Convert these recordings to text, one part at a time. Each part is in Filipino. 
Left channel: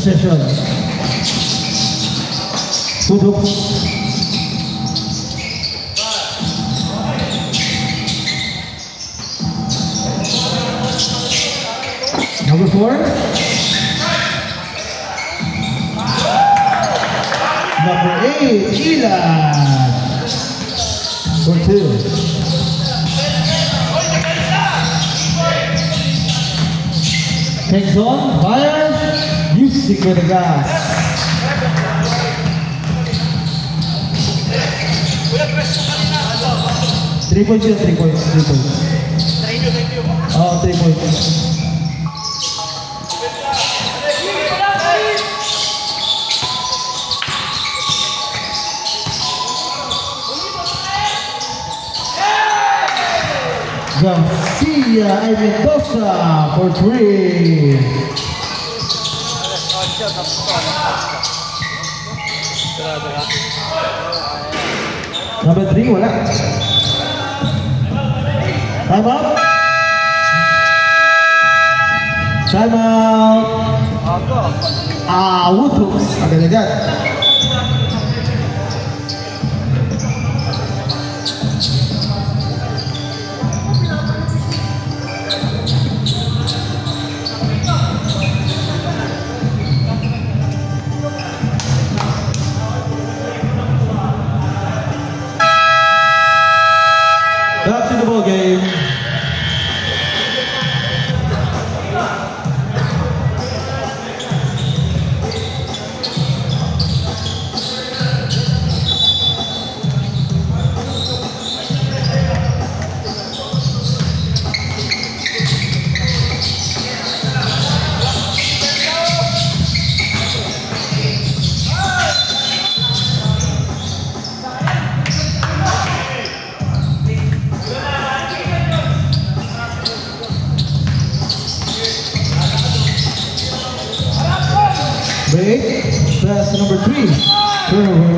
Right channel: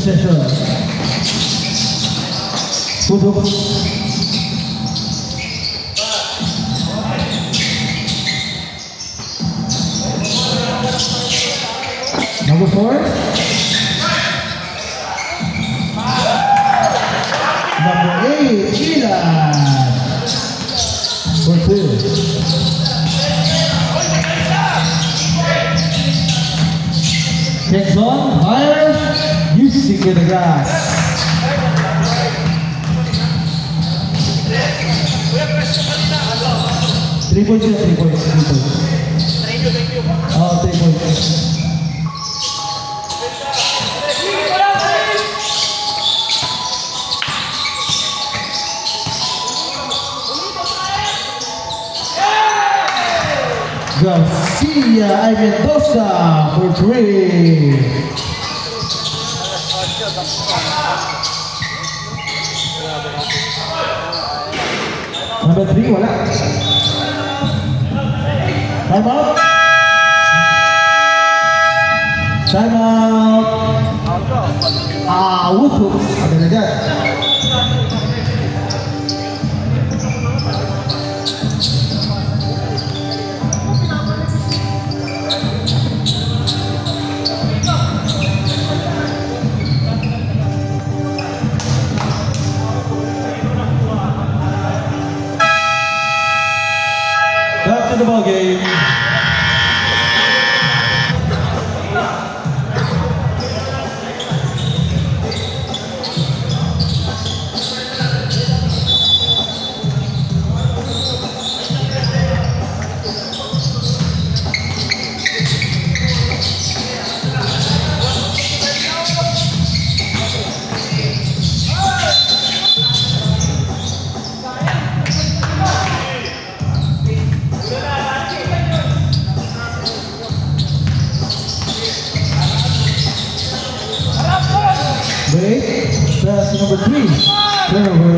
possession. Tutup. Number 4. Number 8, Ilan. For 2. Takes on, fire, you stick with the gas. Three points. Oh, 3 points. Garcia Mendoza for 3. Number 3, wala. Time out. Time out. Wutups. Agad agad. Back to the ball game. That's number 3. Turnover.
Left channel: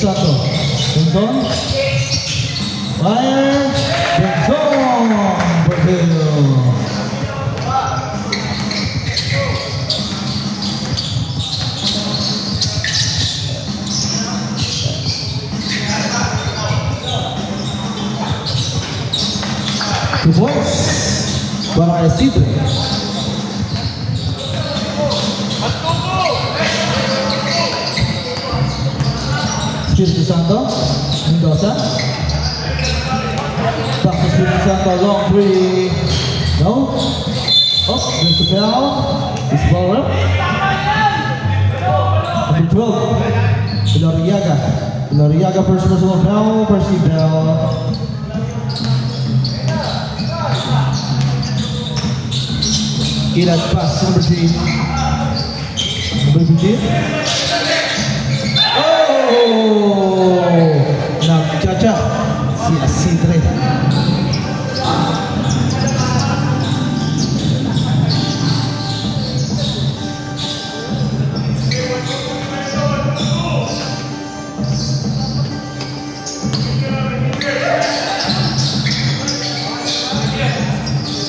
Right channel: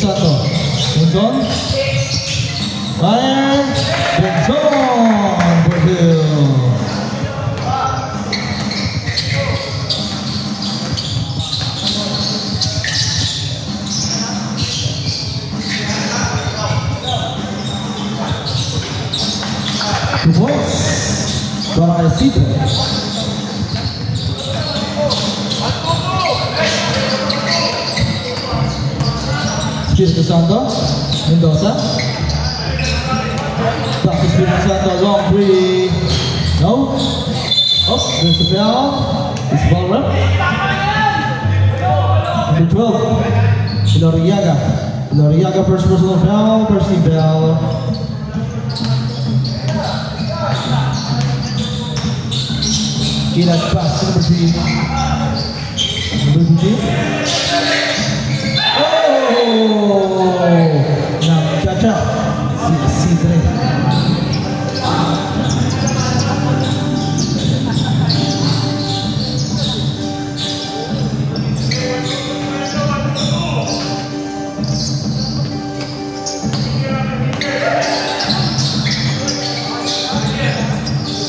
Sato. Benzon. Fire. Benzon. Brazil. Two points. Para Arecibo. Espírito Santo. Mendoza. Back to Espírito Santo. Long 3. No. Oh, there's the bell. It's the ball up. Number 12. Iloriaga. Iloriaga first personal foul. Percy Bell. Ilan pass number 3. Number 15. Oh! Nagchacha si Asidre.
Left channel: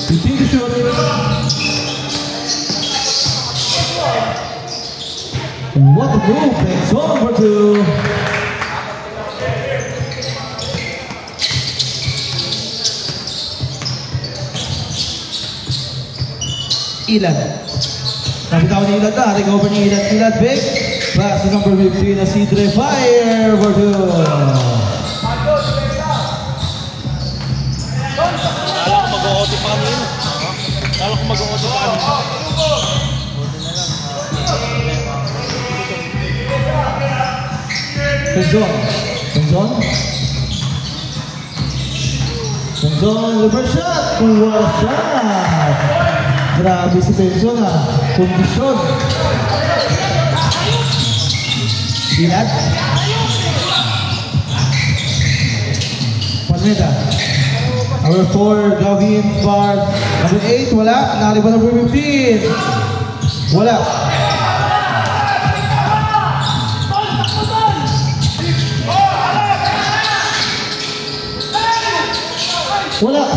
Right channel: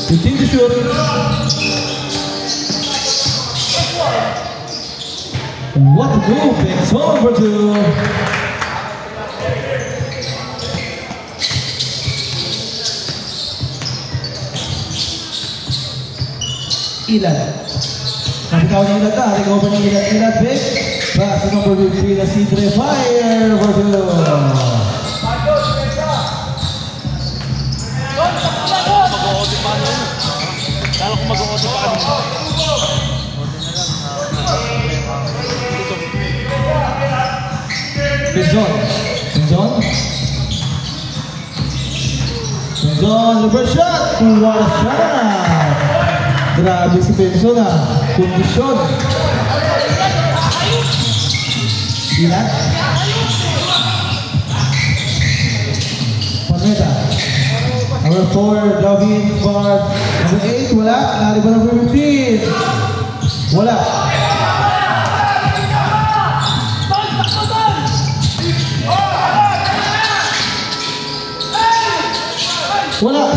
Continue to shoot. What a move, it's over to Ilan. Napitaw ni Ilan na, recover ni Ilan big. Pass to number 15 na si Dre. Fire over to Lalo kung mag-o-OT pa kami. Benzon, reverse shot. What a shot. Grabe si Benzon ha. Kondisyon. Ilan. Panmeta. Number 4, Gavin Bard. Number 8, wala. Nakalipa number 15. Wala.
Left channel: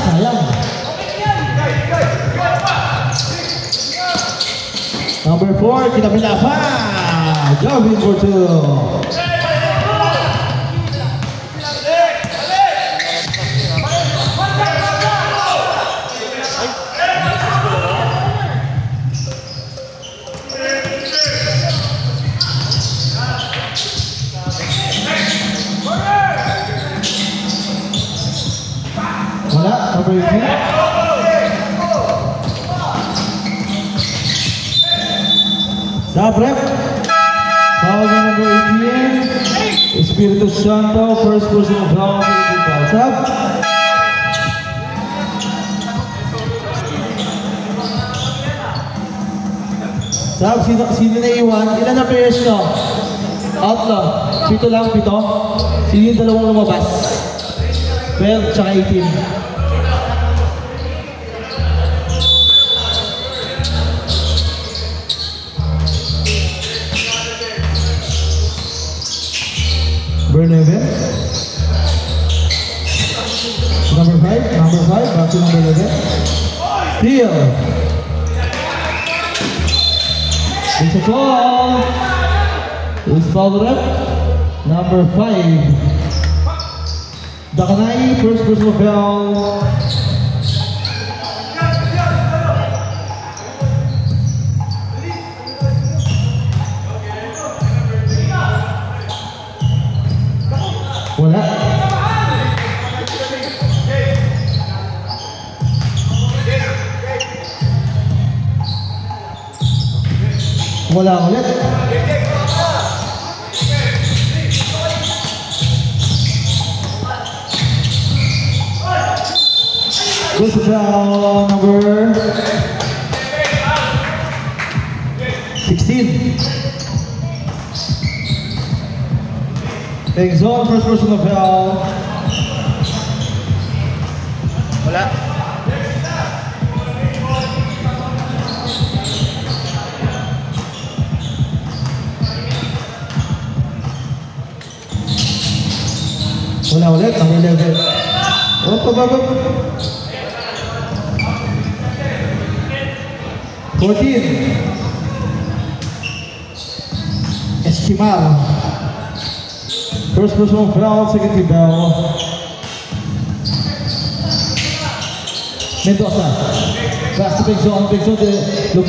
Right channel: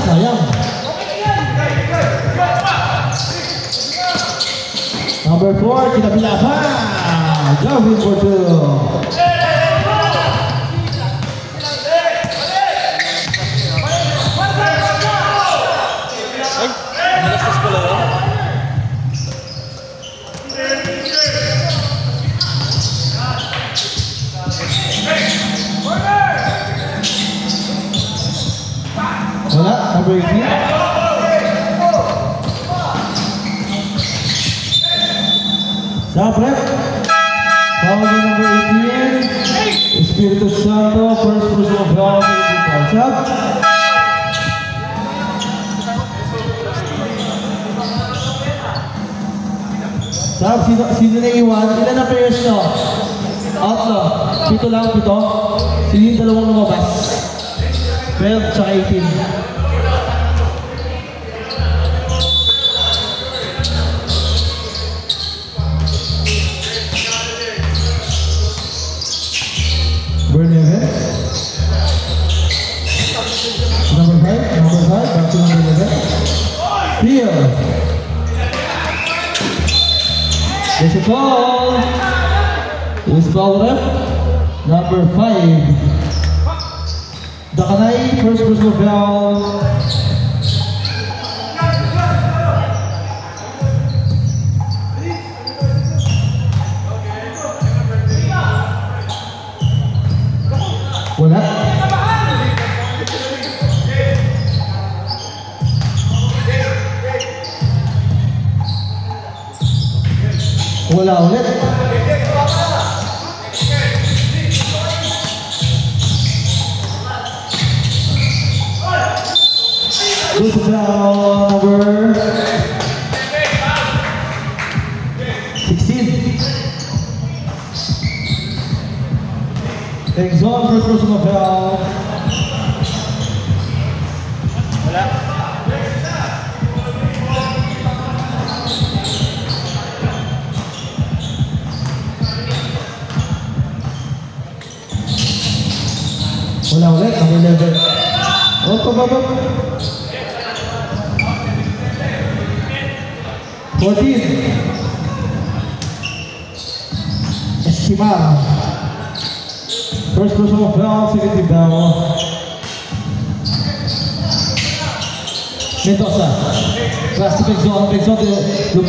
sayang. Number 4, kinabila pa. Gavin for 2. Wala, number 18. Stop rep. Foul by number 18. Espiritu Santo, first personal foul. Stop. Stop, sino na iwan? Ilan na players nyo? Out lang. 7 lang, 7. Sino yung dalawang lumabas? 12 tsaka 18. Berneve. Number 5, back to number 11. Steal. It's a foul. It's called up. Number 5. Dakanay, first personal foul. Wala. Wala ulit. This is foul number 16. Takes on first personal foul. Wala. Wala ulit, number 11. Up. 14. Estimar. First personal foul, second team foul. Mendoza. Back to big zone, look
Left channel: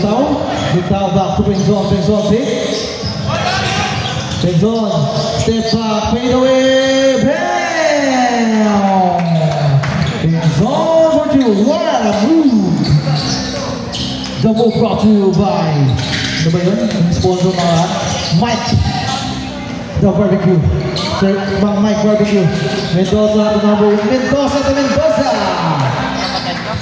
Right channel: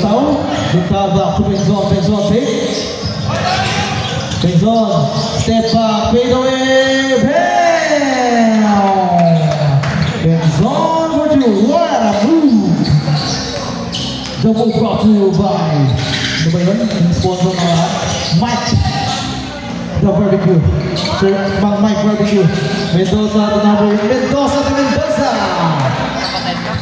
down, back to big zone, big. Big zone, step back, fade away, bam! Big zone, what you want, move! Double brought to you by, ano ba yun? Yung sponsor na Mike. The barbecue. Sir, Mike Barbecue. Mendoza to number 1. Mendoza to Mendoza! Kapatid ka?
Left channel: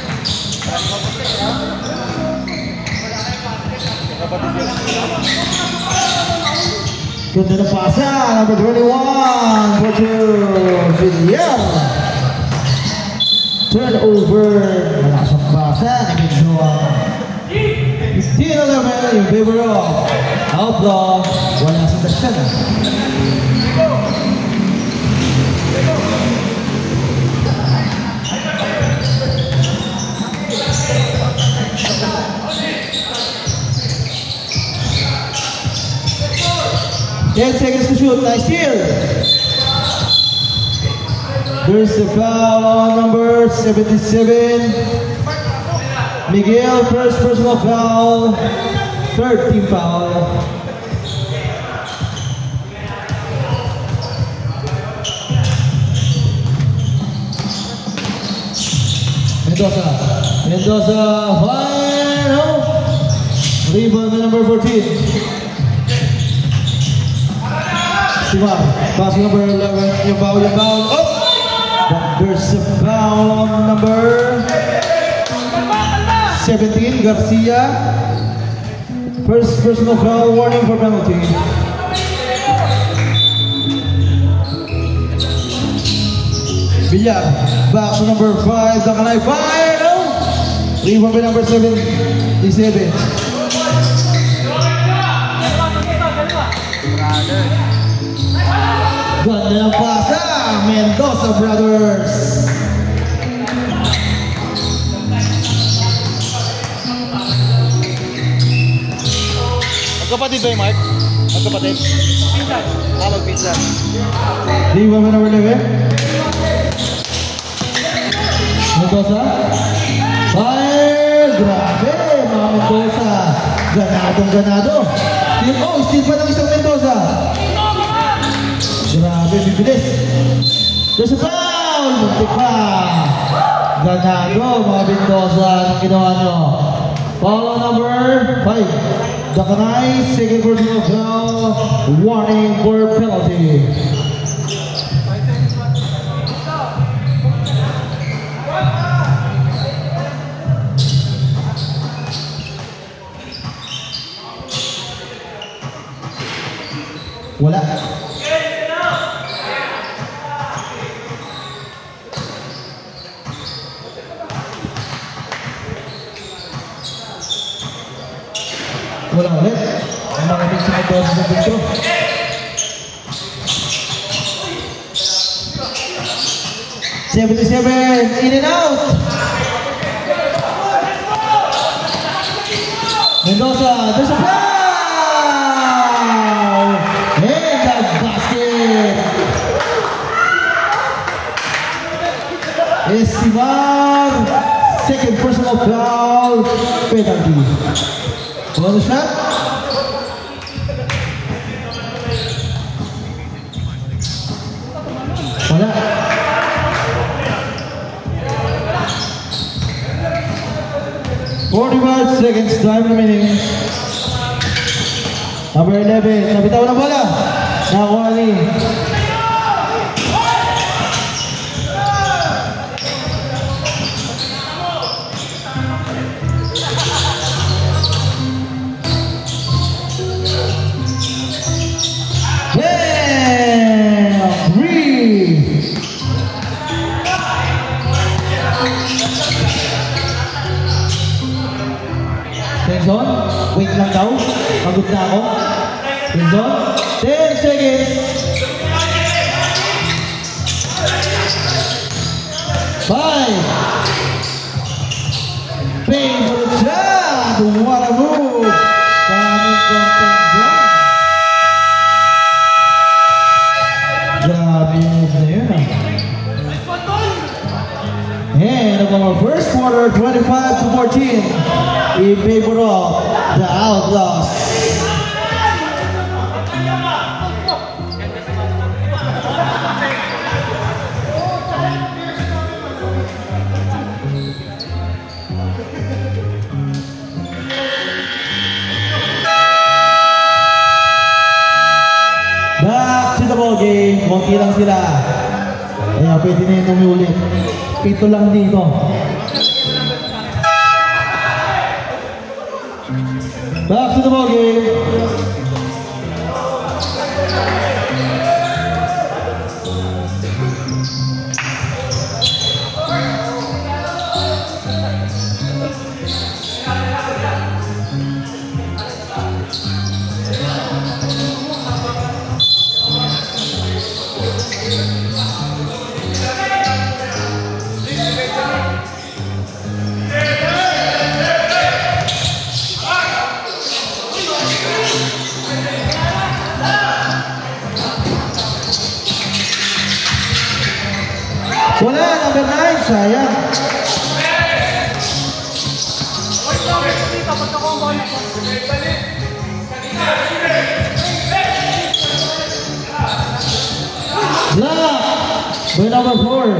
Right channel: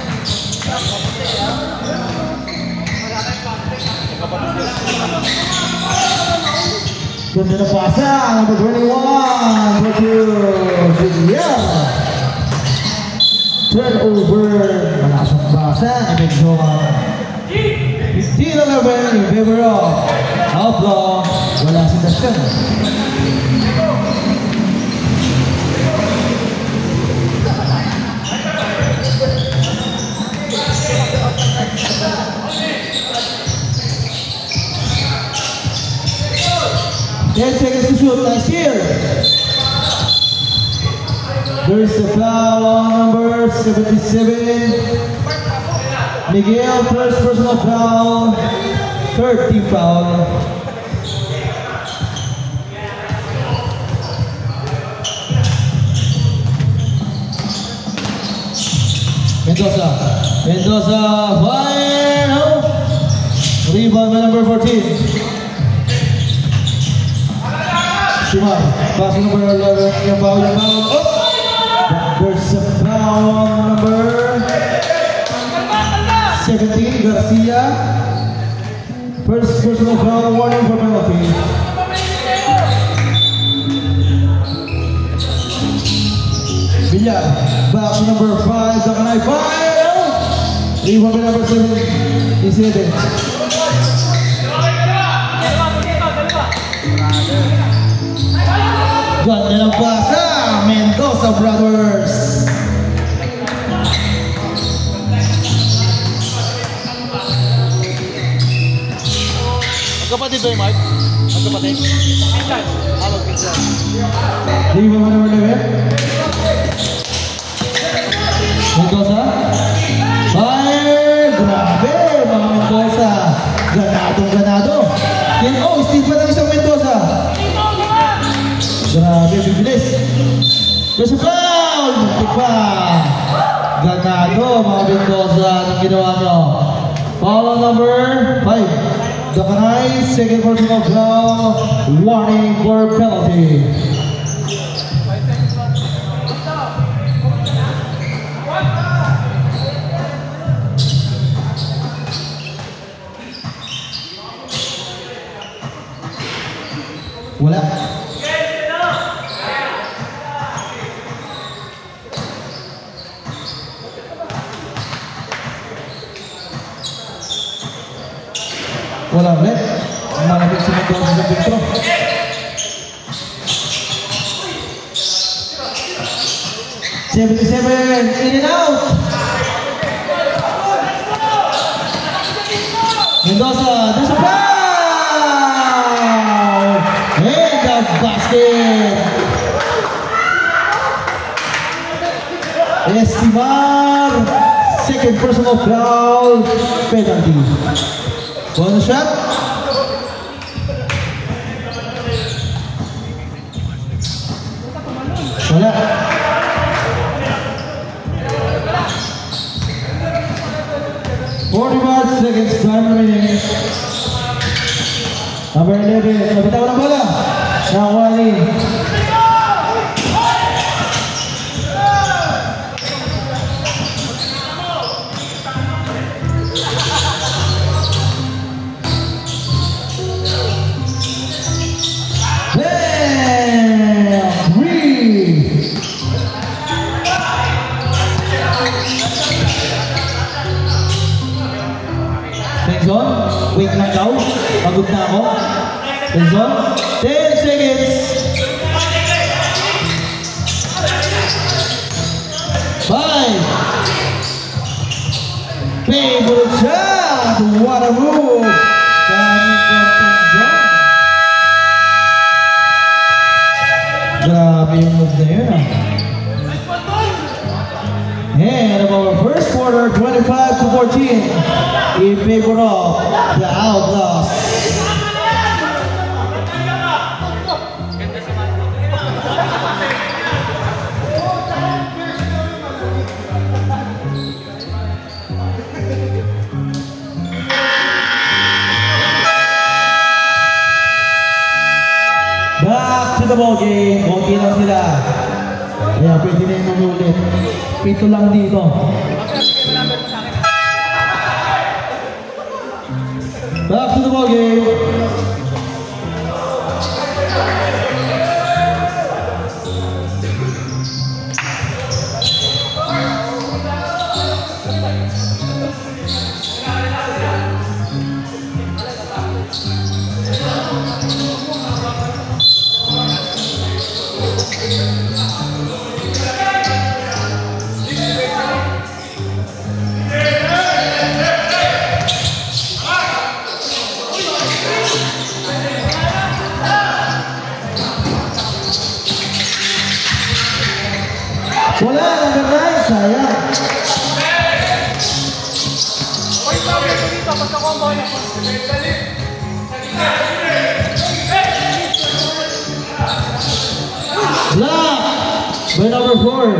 Ganda na pasa. Number 21. Go to Villar. Turnover. Nasa pasa. Mendoza. 15-11 in favor of Outlaw. Wala si Dastan. Ten seconds to shoot. Nice steal. There's the foul on number 77. Miguel, first personal foul, third team foul. Mendoza, fire, no. Rebound by number 14. Simon, pass number 11, yung foul, oh! There's a foul on number 17, Garcia. First personal foul, warning for penalty. Villar, back to number 5, Dakanay, fire! No? Rebound by number 77. Ganda ng pasa, Mendoza Brothers. Magkapatid ba yung Mark? Magkapatid? Pinsan. Magpinsan. Di ba mo number 11? Mendoza. Fire! Grabe, mga Mendoza. Ganado. Oh, Steve pa ng isang Mendoza. Grabe, bibilis. There's a foul! Muntik pa. Ganado, mga Mendoza. Anong ginawa nyo? Foul on number 5. Dakanay, second personal foul. Warning for penalty. Wala. Wala ulit. Mga nagsunod daw sa dito. In and out. Mendoza, there's a foul! And the basket! Estimar, second personal foul, penalty. Bonus shot. Wala. $45 seconds, time remaining. Number 11, nabitaw ng bola. Nawali. Wait lang daw. Pagod na ako. Enzo, 10 seconds. 5. Favorite shot. What a move. Daming content dyan. Grabe yung move na yun. And our first quarter, 25-14. In favor of the Outlaws. Back to the ball game. Okay lang sila. Kaya pwede na yung umulit. Pito lang dito. Back to the ball game. Wala, number 9, sayang. Block by number 4.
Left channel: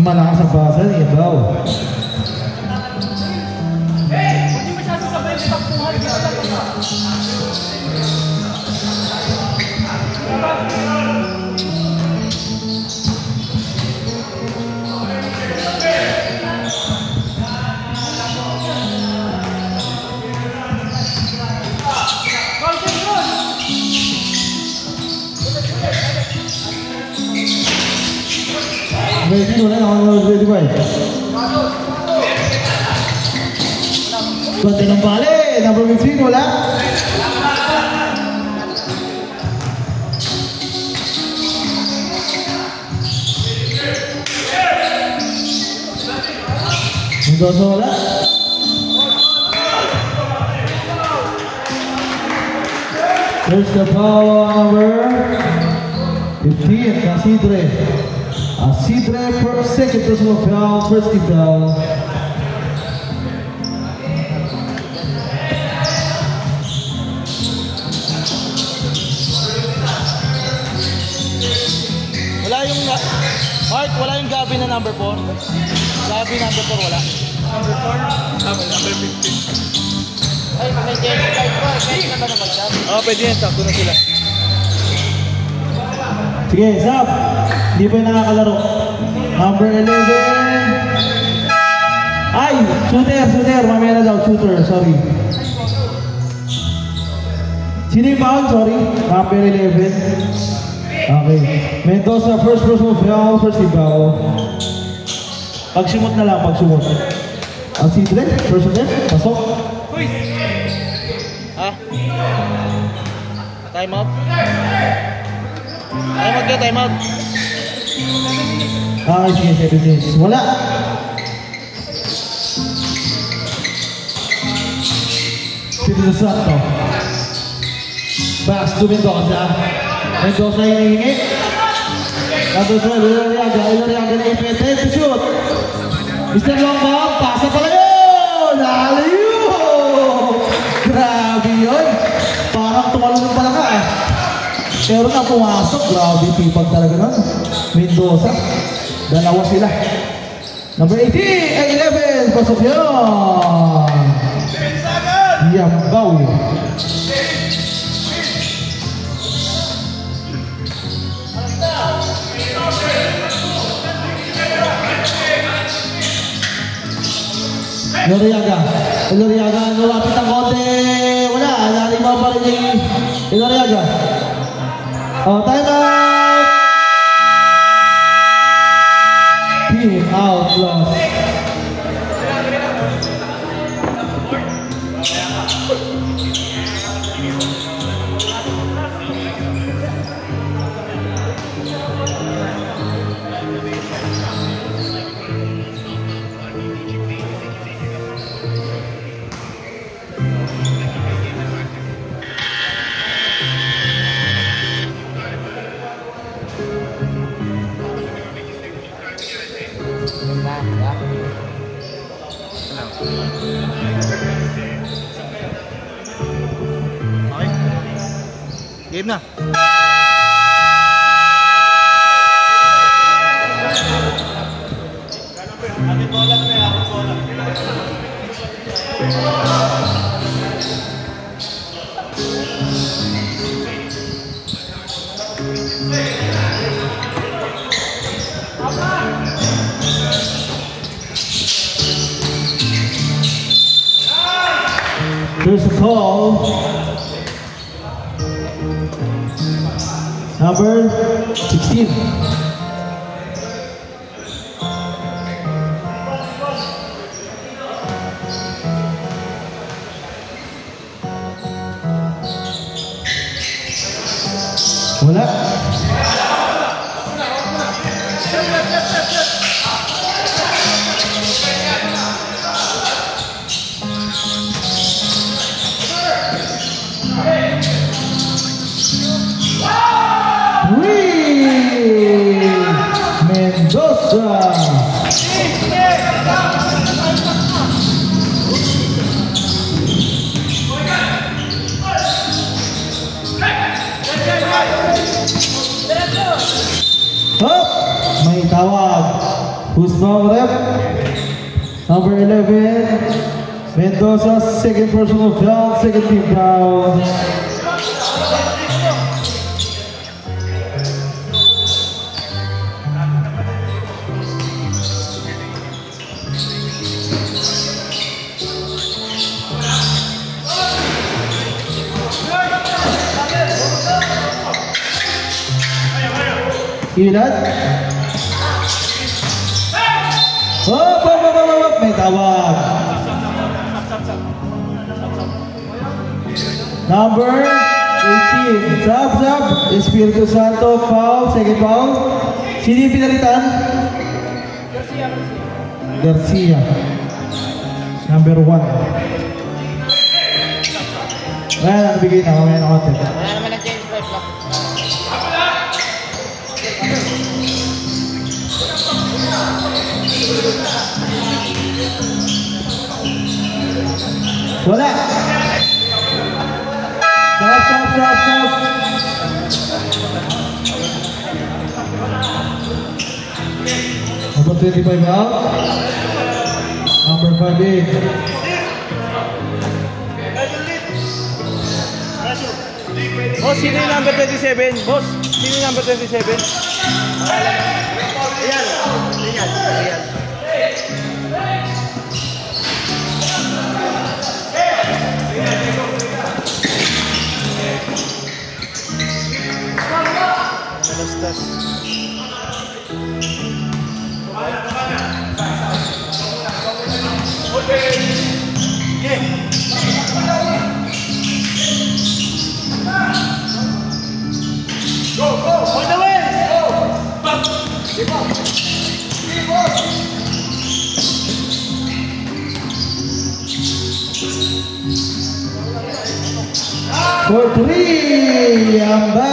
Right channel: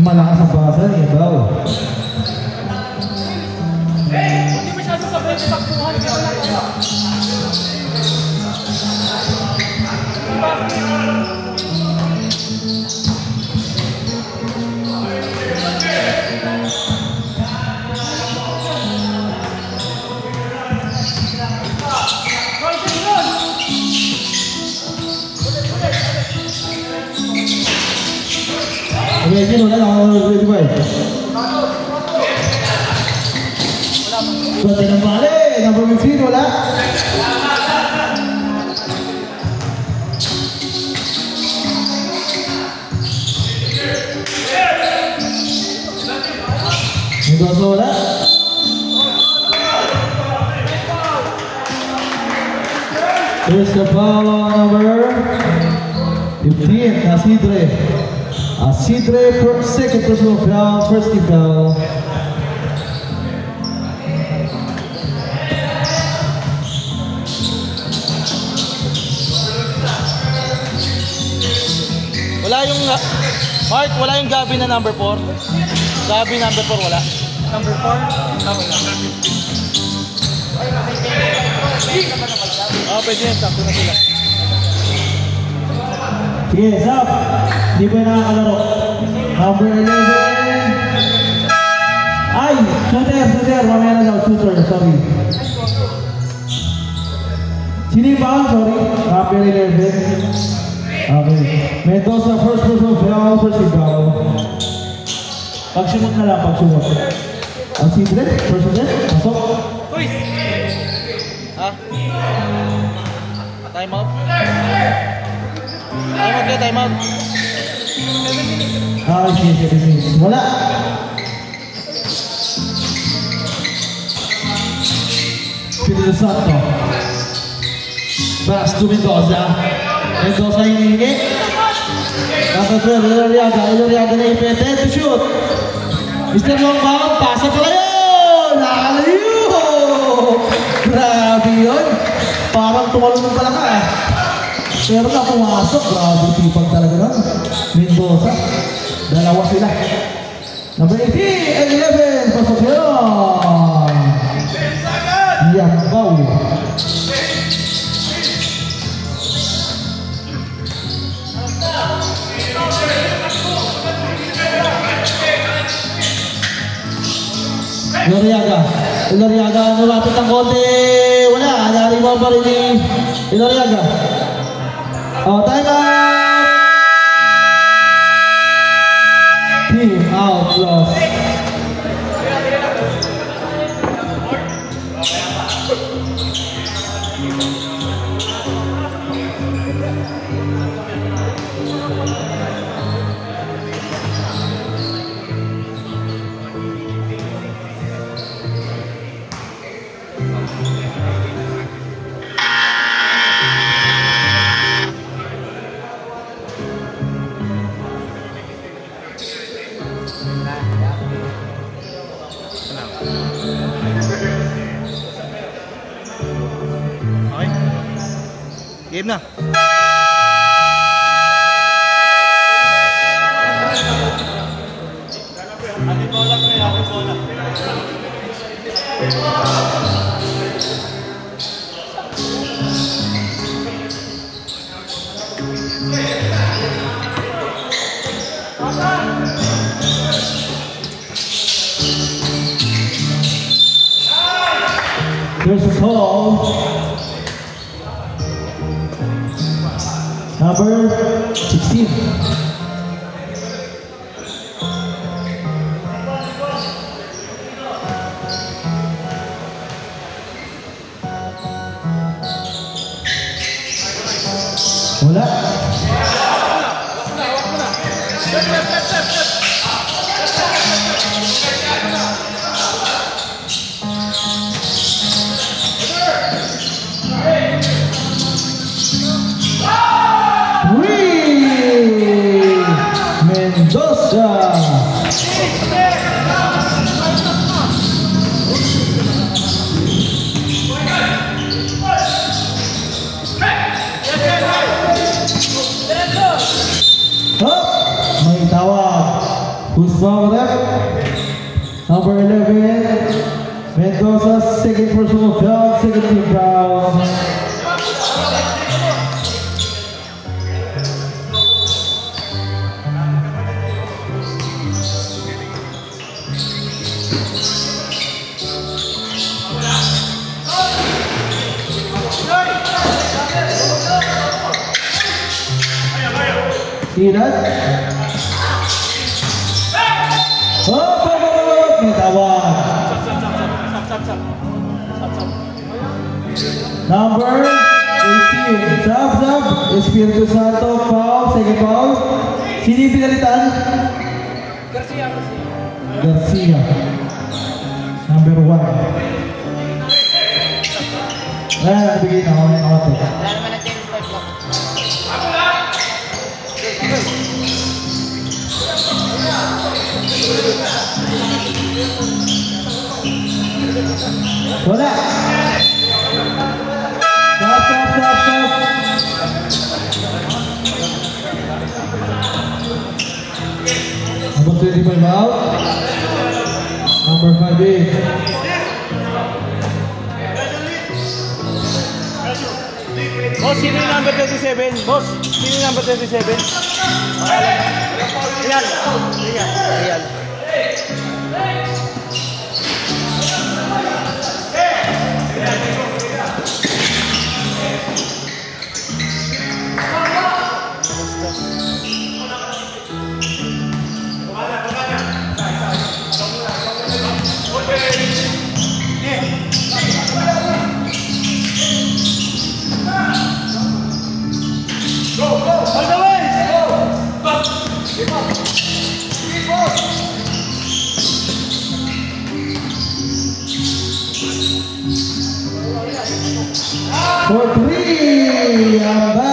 Malakas ang basa, yan daw. Ready wala na ako ready ba? Plate ng bale, number 15 wala. Mendoza wala. There's the foul on number 15, Asidre. Asidre, second personal foul, first team foul. Mark, wala yung Gabi na number 4. Gabi number 4 wala. Number 4? Wala. Oh, pwede yan. Sakto na sila. Sige, Zap. Di ba nakakalaro? Number 11. Ay, shooter. Mamaya na daw, shooter. Sorry. Sino yung foul? Sorry. Number 11. Okay. Mendoza, first personal foul, first foul. Pag-sumot na lang, pag-sumot. Asidre, personal, pasok. Time out. Time out. Sige, 7 minutes. Wala. Pinili Santo. Pass to Mendoza. Mendoza yung hihingit. Tapos Iloriaga na ipeted to shoot. Mr. Longbound, pasa pa kayo! Lalayo! Grabe yun. Parang tumalong pala ka eh. Pero na pumasok, grabe tipag talaga nun. Mendoza. Dalawa sila. Number 18 and 11, pasok yun. Yanggaw. Iloriaga, lumapit ang konti. Wala, naring mga parang ni Iloriaga. Time out! Team out, loss. Game na. Ating bola pre, ating bola. There's a call. Number 16. Wala. Mendoza. May tawag. Who's now rep? Number 11. Mendoza, second personal foul, second team foul. See that? May tawag. Number 18. Zab. Espiritu Santo. Foul. Second foul. Sino yung pinalitan? Garcia. Number 1. Wala, nabigay na. Mamaya na konti. Wala naman ang change step lang. Wala. Stop. Number 25 out. Number 5 in. Boss, sino yung number 27? Boss, sino yung number 27? Ayan. For 3, I'm down.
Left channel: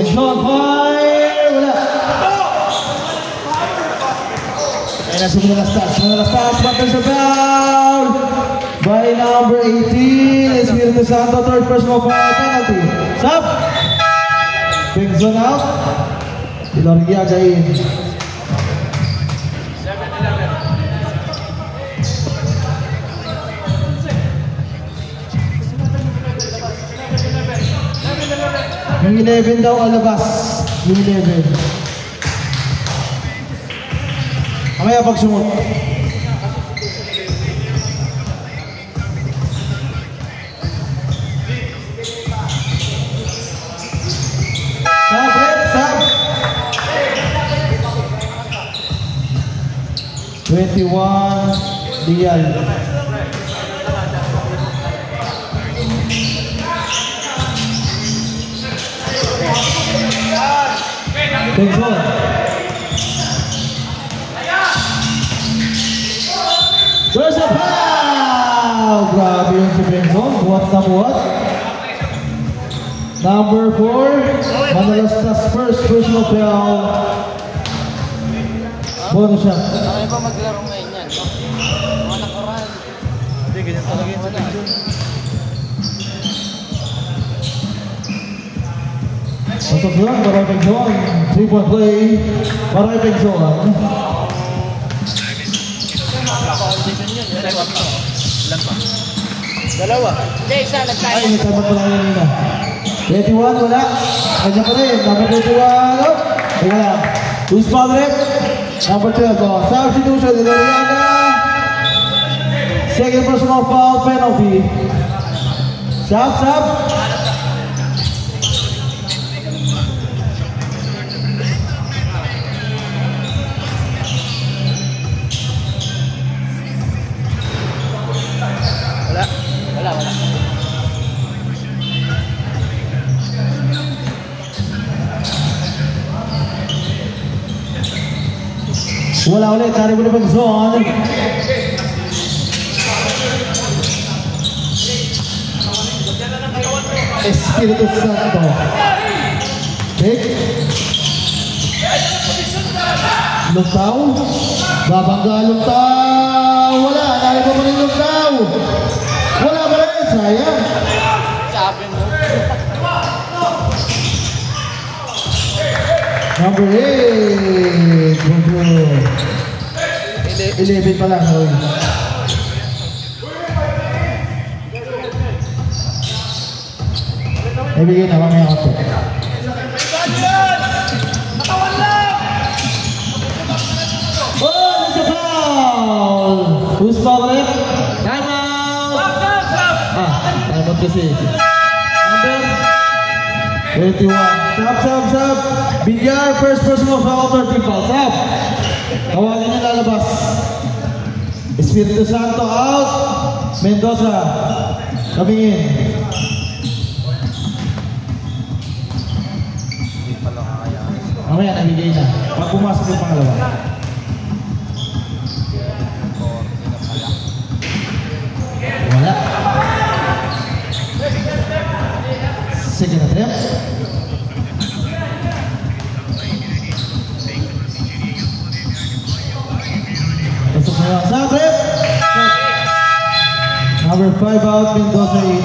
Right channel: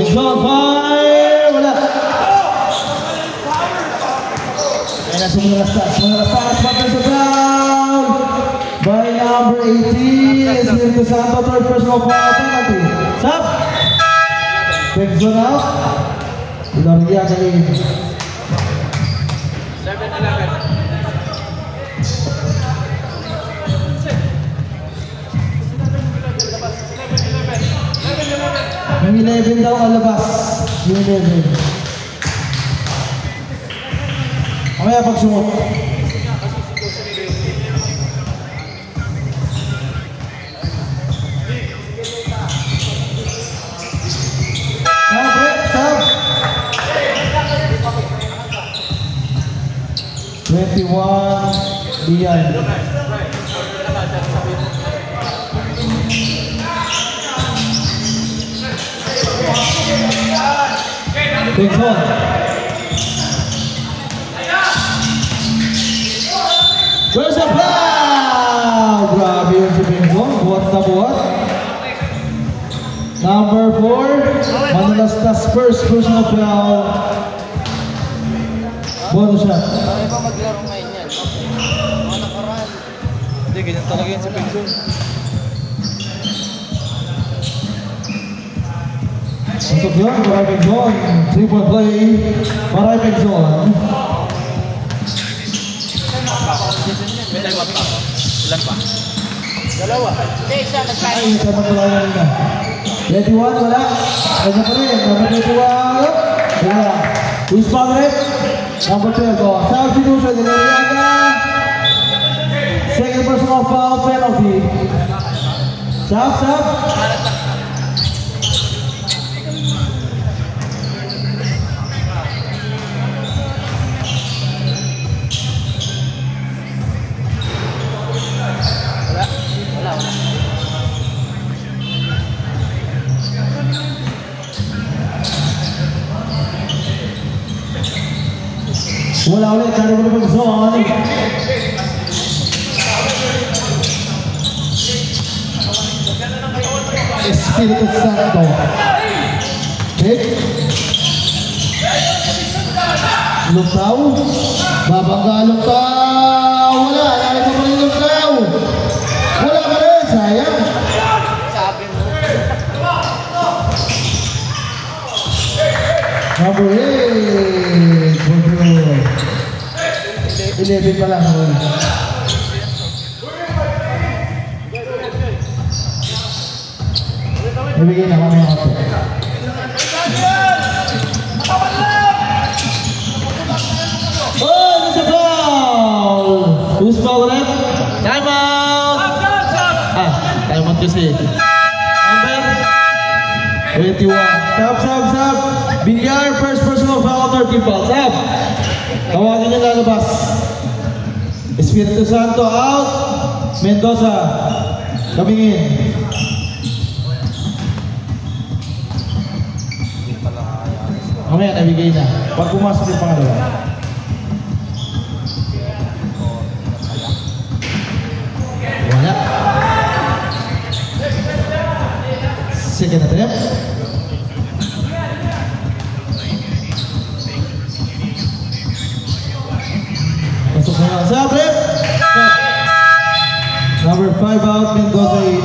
Next one, fire! Wala. Ayan na, simula start. Back sa foul by number 18, Espiritu Santo, third personal foul penalty. Stop! Big zone out. Ilargia kain. Yung 11 daw kalabas. Yung 11. Mamaya pagsungot. Stop. 21 Dial. Big one. There's a foul! Grabe yung si Benson. Buhat na buhat. Number 4, Manalastas first personal foul. Bonus shot. Bakit ba maglaro ngayon yan? Mga nakaraan. Hindi, ganyan talaga yun sa Benson. Masuk doon, Maray Benson. 3-point play. Maray Benson. Dalawa. Hindi, isa nagtayo. Ay, isa na pala kanina. 21, wala. Kanya pa rin. Number 21. Wala. Who's favorite? Number 12. Substitution. Ilariaga. Second personal foul penalty. Stop. Wala ulit, tari mo na pag-zone. Espiritu Santo. Hit. Lutaw. Babangga Lutaw. Wala, tari mo pa rin Lutaw. Wala pa rin, sayang. Sabi mo. Number 8. 11 pa lang. Ibigay na mamaya ako. Oh, it's a foul! Who's foul rep? Time out! Time out kasi. Number 21. Stop. Bilyar, first personal foul, 13 fouls. Stop! Tawagin niya lalabas. Espiritu Santo out. Mendoza. Kamingin. Hindi pala kaya. Mamaya nabigay na. Pag pumasok yung pangalawa. Wala. Second attempt. Pasok na lang. Stop it! Stop. Number 5 out, Mendoza in.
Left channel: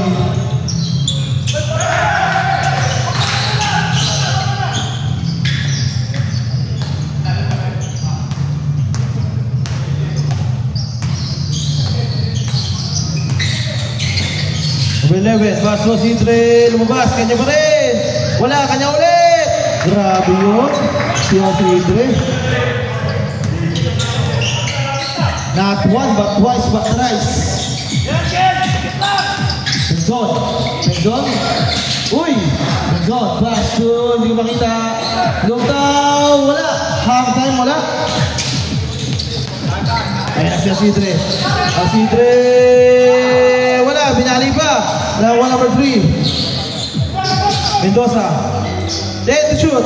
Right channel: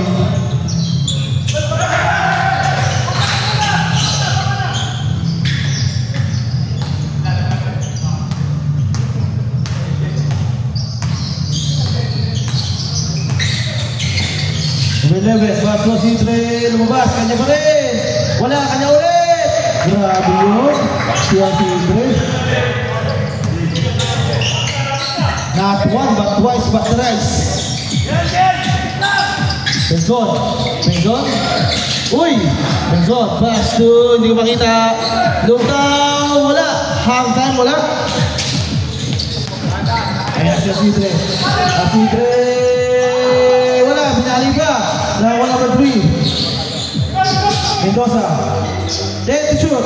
Number 11, Vasco Sidre, lumabas, kanya pa rin. Wala, kanya ulit. Grabe yun. Siya Sidre. Not one, but twice, but thrice. Benzon. Uy! Benzon, pass to, hindi ko makita. Look down, wala. Hang time, wala. Ayan siya Sidre. Sidre. Binali pa. One number 3. Mendoza. Dead to shoot.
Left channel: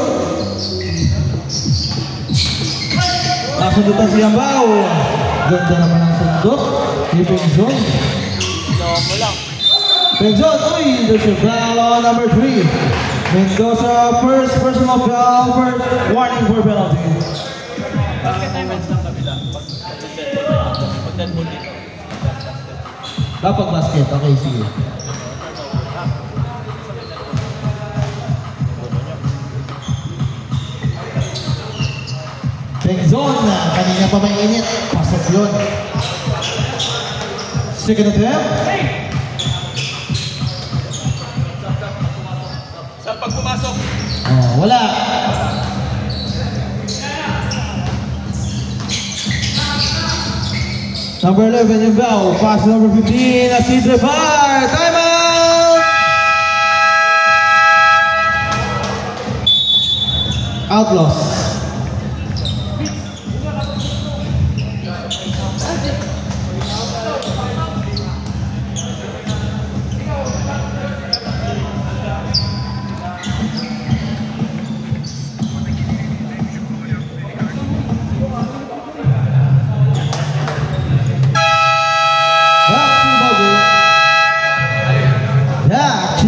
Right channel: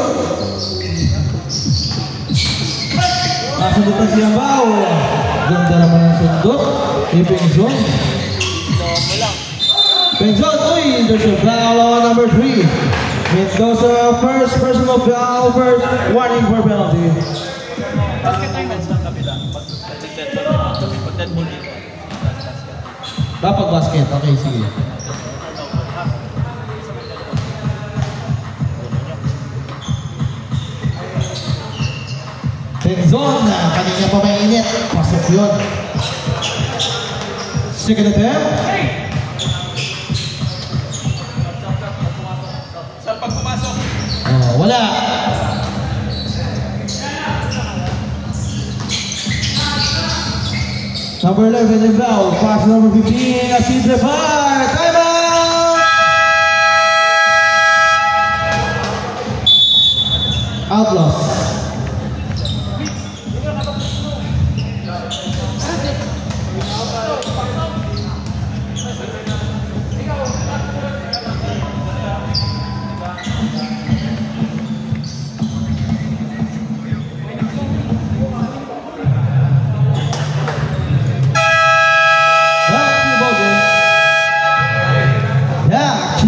Nasundutan siyang bao. Ganda naman ang sundot. Ni Benzon. Mo lang. Benzon, uy. Foul number 3. Mendoza, first personal foul, first warning for penalty. Dapat basket, okay, sige. Benzon, kanina pa mainit. Pasok yun. Second attempt. Saan pag pumasok? Wala. Number 11 in foul, pass number 15, Sidre fire, time out! Outlaws.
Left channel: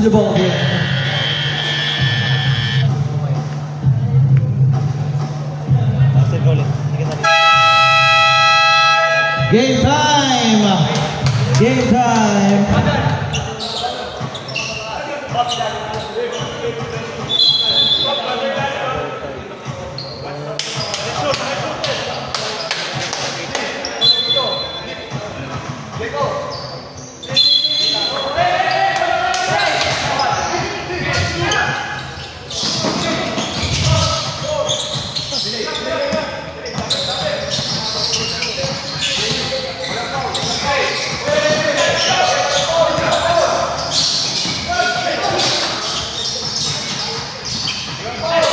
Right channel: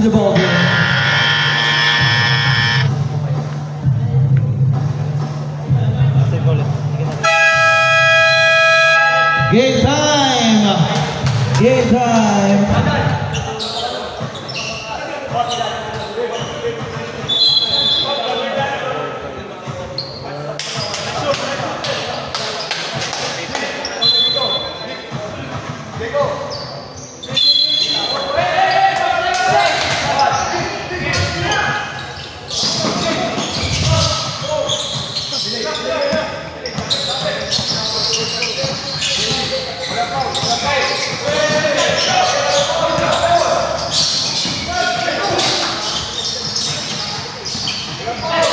The ball game. Game time. Game time.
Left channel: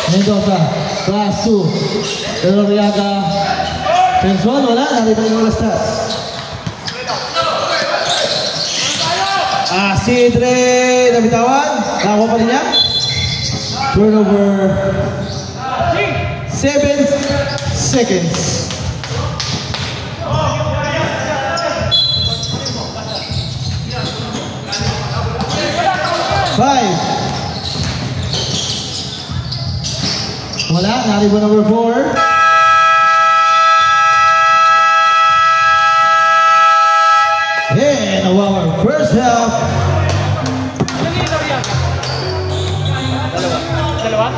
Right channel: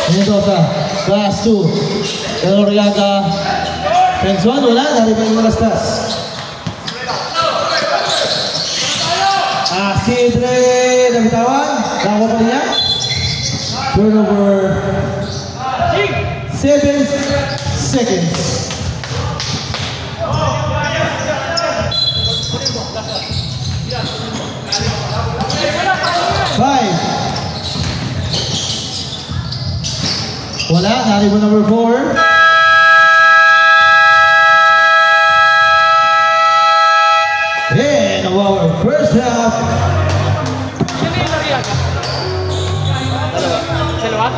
Mendoza, class 2. Eloriaga. Benzon, wala. Naribay yung lastas. Sidre, nabitawan. Nakawa pa niya. Turnover. 7 seconds. Wala, naribo number 4. And our first half. Dalawa?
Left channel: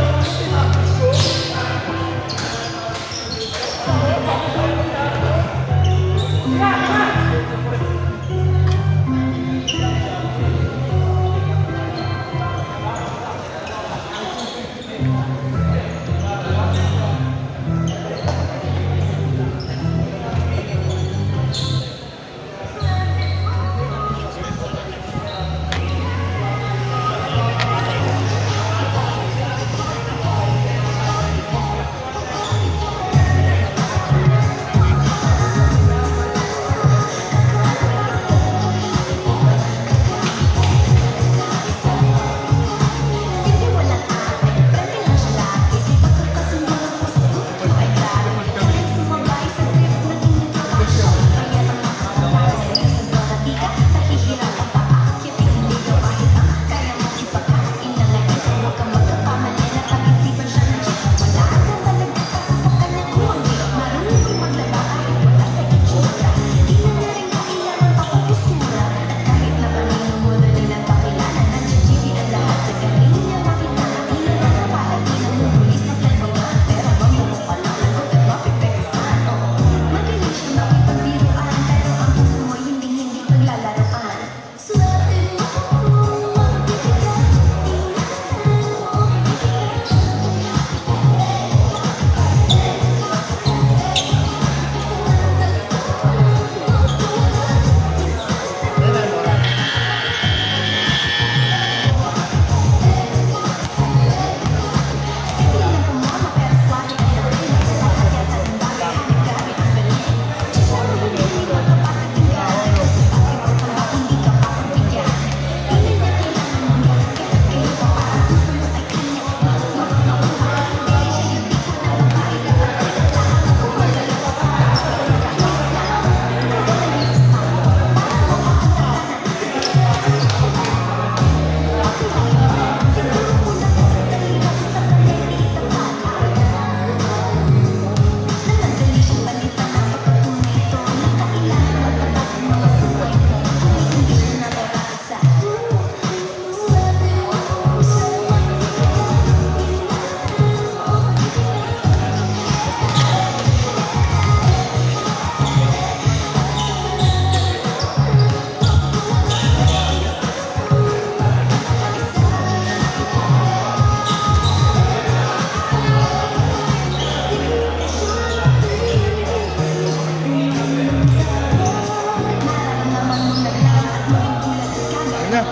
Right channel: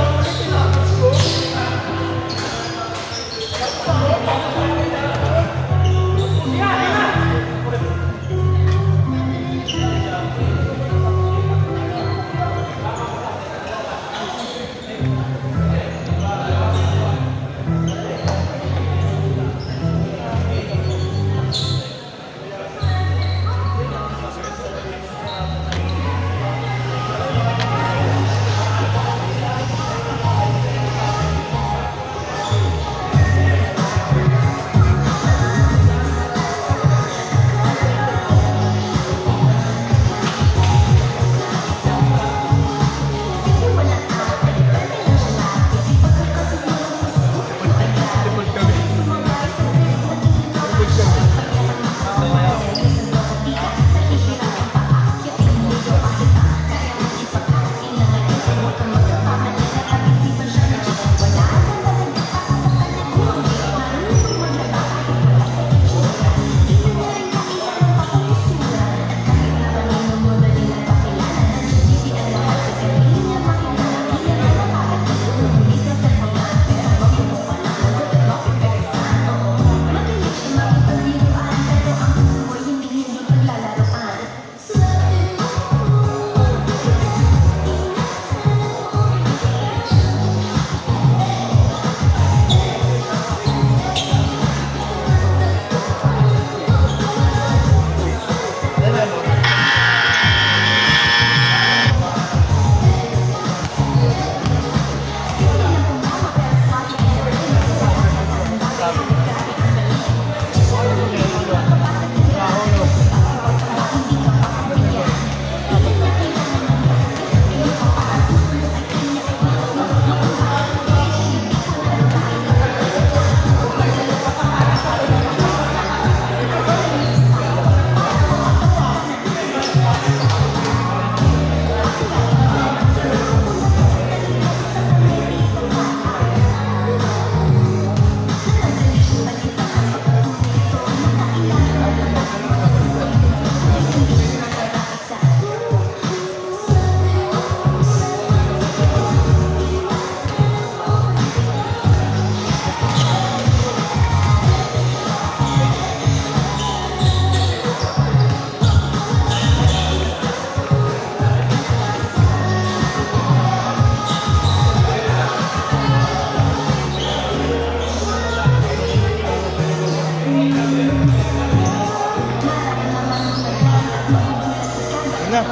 na.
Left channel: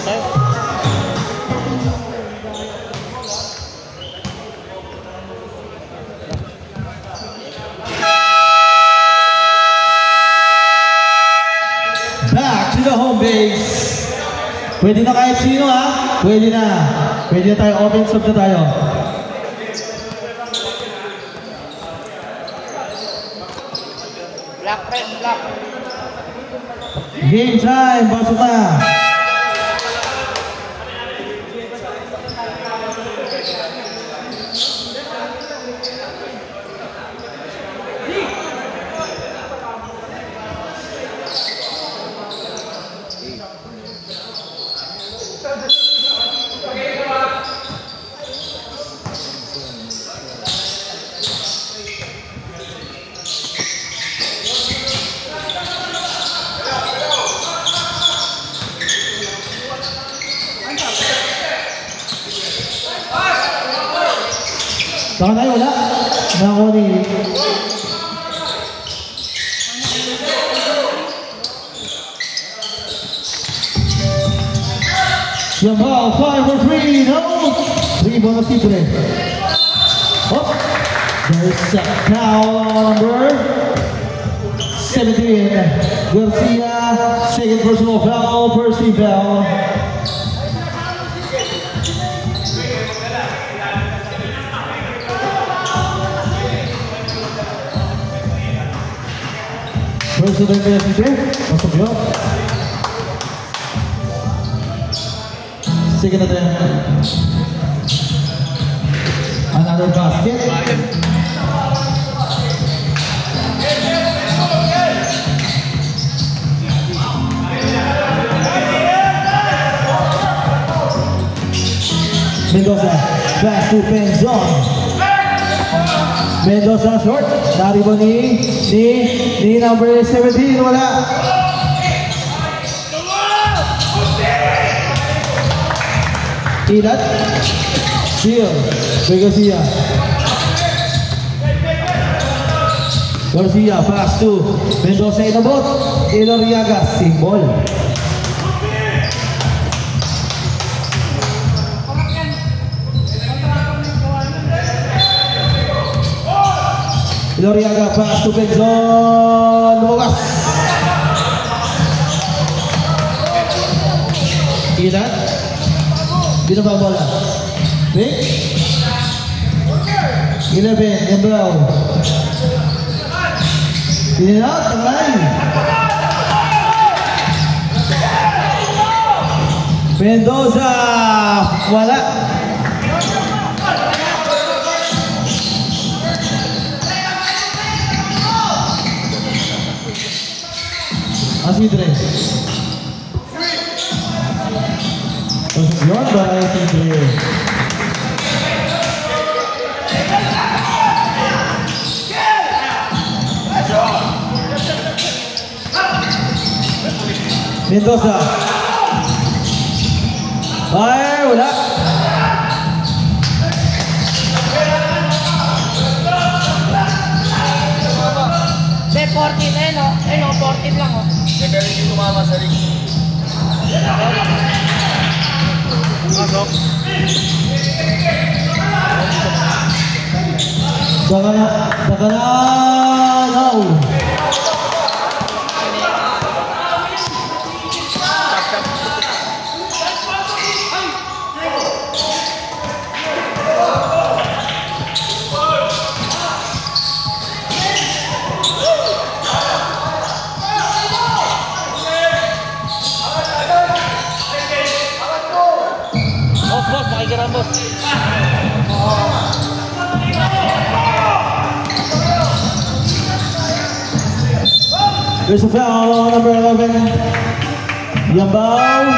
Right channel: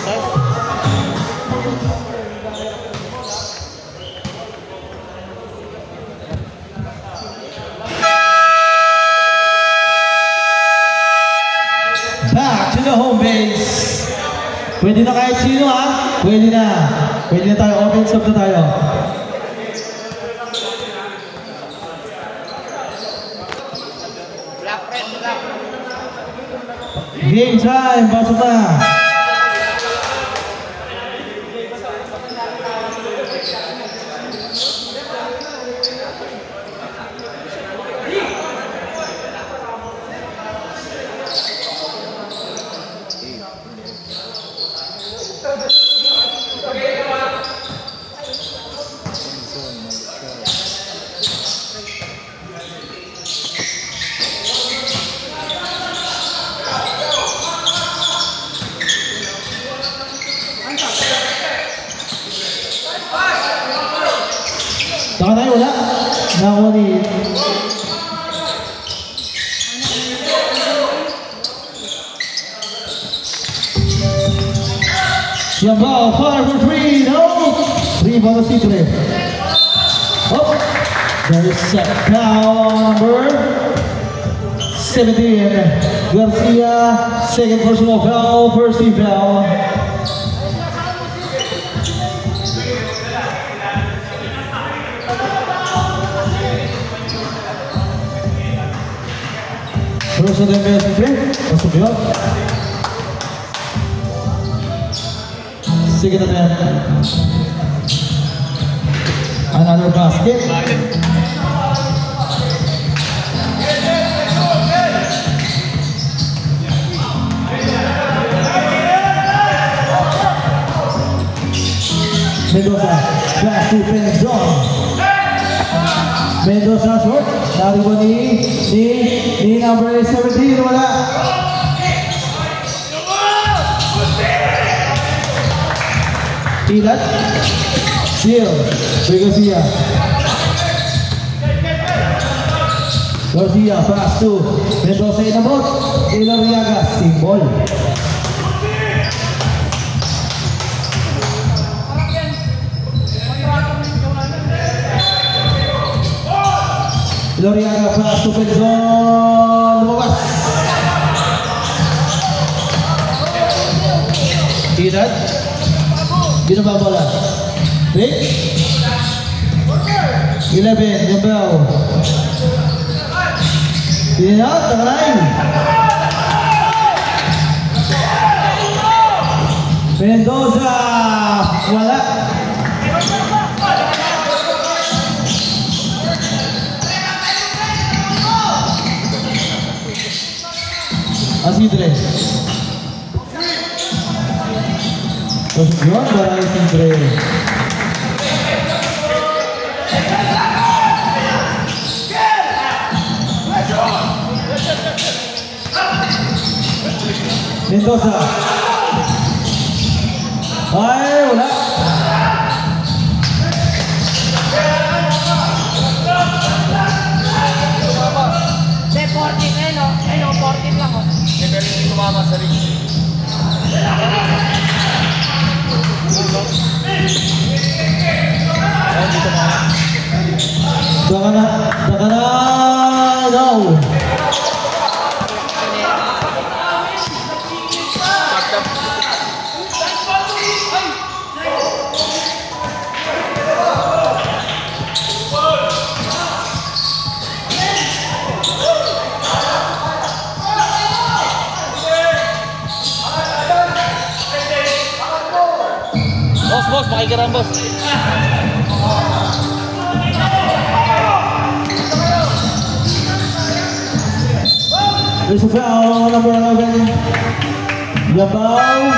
Okay. Back to the home base. Pwede na kahit sino ha? Pwede na. Pwede na tayo. Open stop na tayo. Black, red, black. Game time. Pasok na. Saka tayo wala. Nakakuha ni... Yung ball, 5 for 3, no! 3 bonus titulo. Oh! There's a foul number 17. Garcia, second personal foul, first team foul. First team foul, masuk yun. Second attempt. Another basket. Mendoza back to Benzon. Mendoza short. Naribo ni number 17. Wala. Pilat. Seal. Garcia. Garcia pass to Mendoza inabot. Iloriaga single. Iloriaga pass to Benzon. Lumas. Pilat. Binaba bola. Rick. 11, Yambel. Pinat, tangay. Mendoza. Wala. Asidre. Yun ba ay Asidre? Mendoza. Ay, wala. May 40 na yun, no? Ayun, 40 lang, oh. Pero hindi tumama sa ring. Baka na, no. Boss, makikiram boss. There's a foul, number 11. Yambao.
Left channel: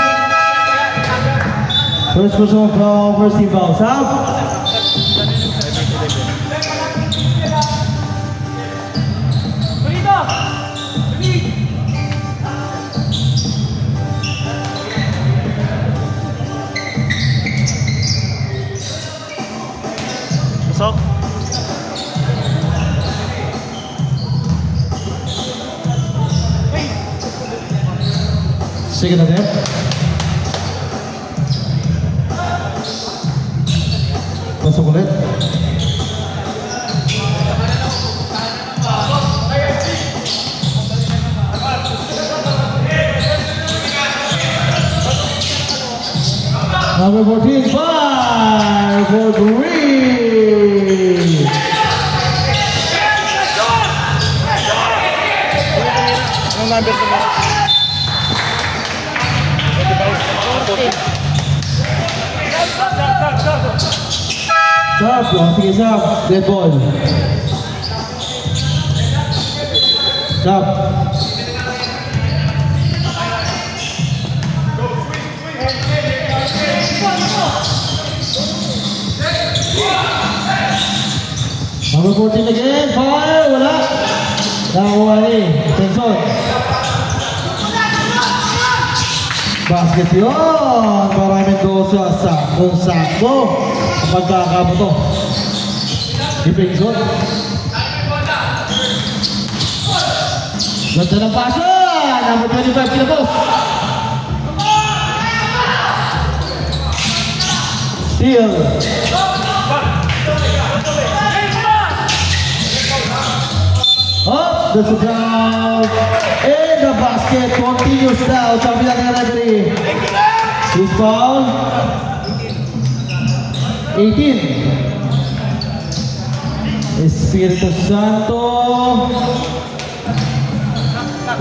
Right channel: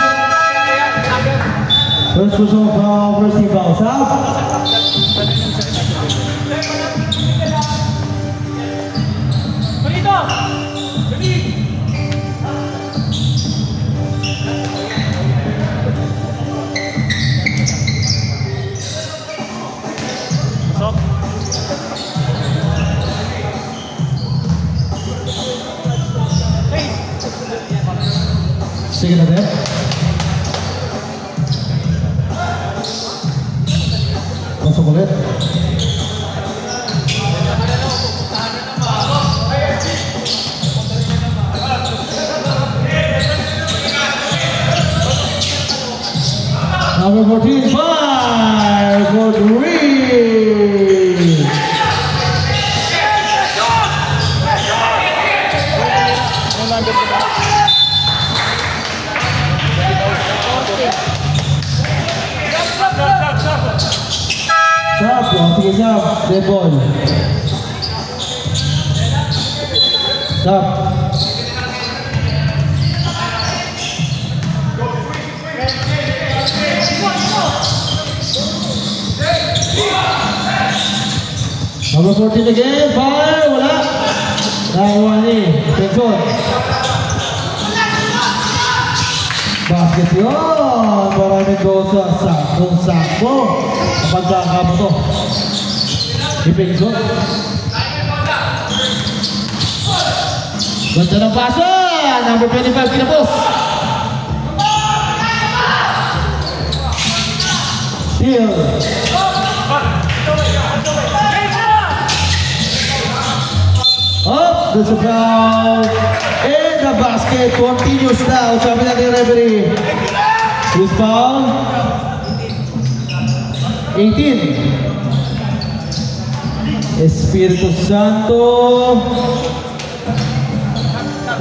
First personal foul, first team foul. South. Second attempt. Pasok ulit. Number 14, 5 for 3. Yung number 2 mo. Sub, sige sub, dead ball. Sub. Number 14 again, fire, wala. Nakakuha ni Benson. Basket yun, maraming dosa, sakto. Pagkakabuto ni Benson. Ganda ng pasa, number 25, kinapos. Steal. Up, that's a foul. And the basket continues now. Sabi natin yung referee. Who's foul? 18. Espiritu Santo.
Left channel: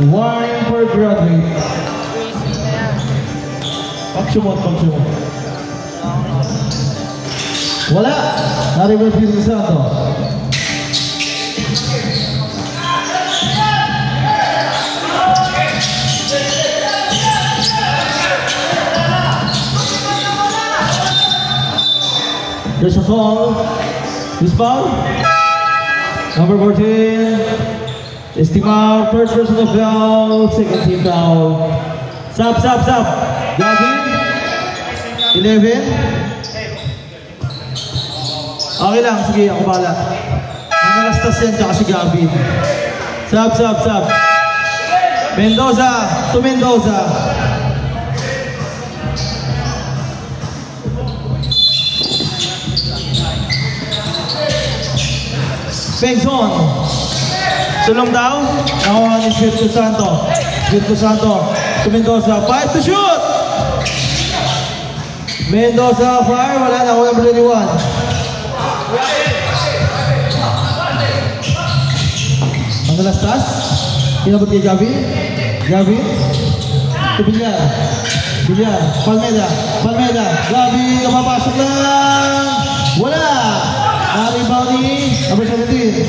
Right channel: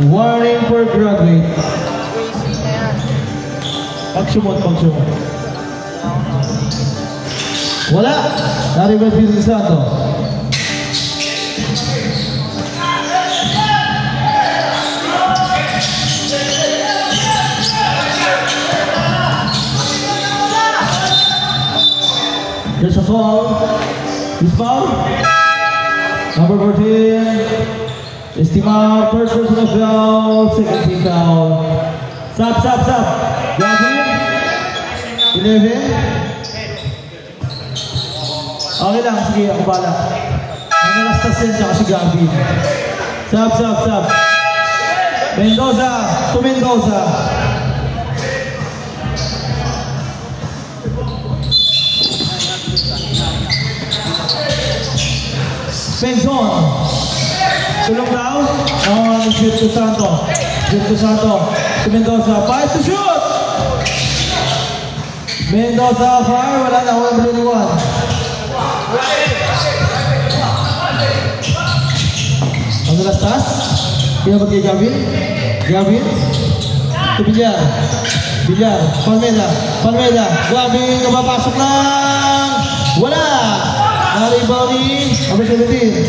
Warning for graduate. Pagsumot. Wala. Nariba Espiritu Santo. There's a foul. This foul. Number 14. Estimar, first personal foul, second team foul. Sub. Gavin. 11. Okay lang, sige, ako bala. Nangalastas yan, tsaka si Gavin. Sub. Mendoza, to Mendoza. Benson. Sulong daw. Nakuha ni Espiritu Santo. To Mendoza. 5 to shoot. Mendoza fire. Wala na. Wala na 21. Ang lastas. Pinabot kay Gavin. To Villar. Palmeda. Gavin. Napapasok lang. Wala. Rebounding, number 17.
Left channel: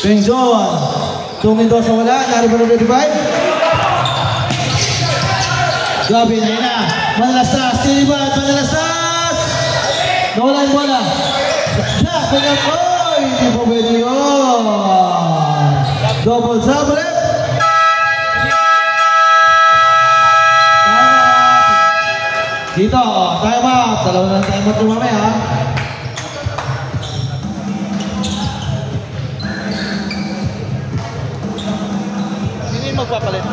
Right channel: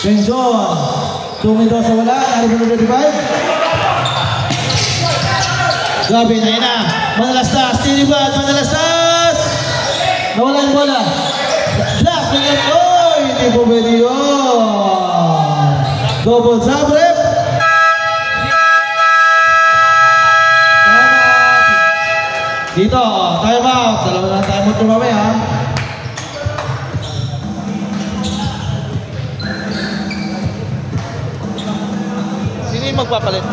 Benson, 2 Mendoza wala, number 35. Gavin, ayun na. Manalastas, tinibat, nawala yung bola. Black, hindi po pwede yun. Double sabre. Dito, time out. Dalawang time out yung mamaya. Sino yung magpapalit?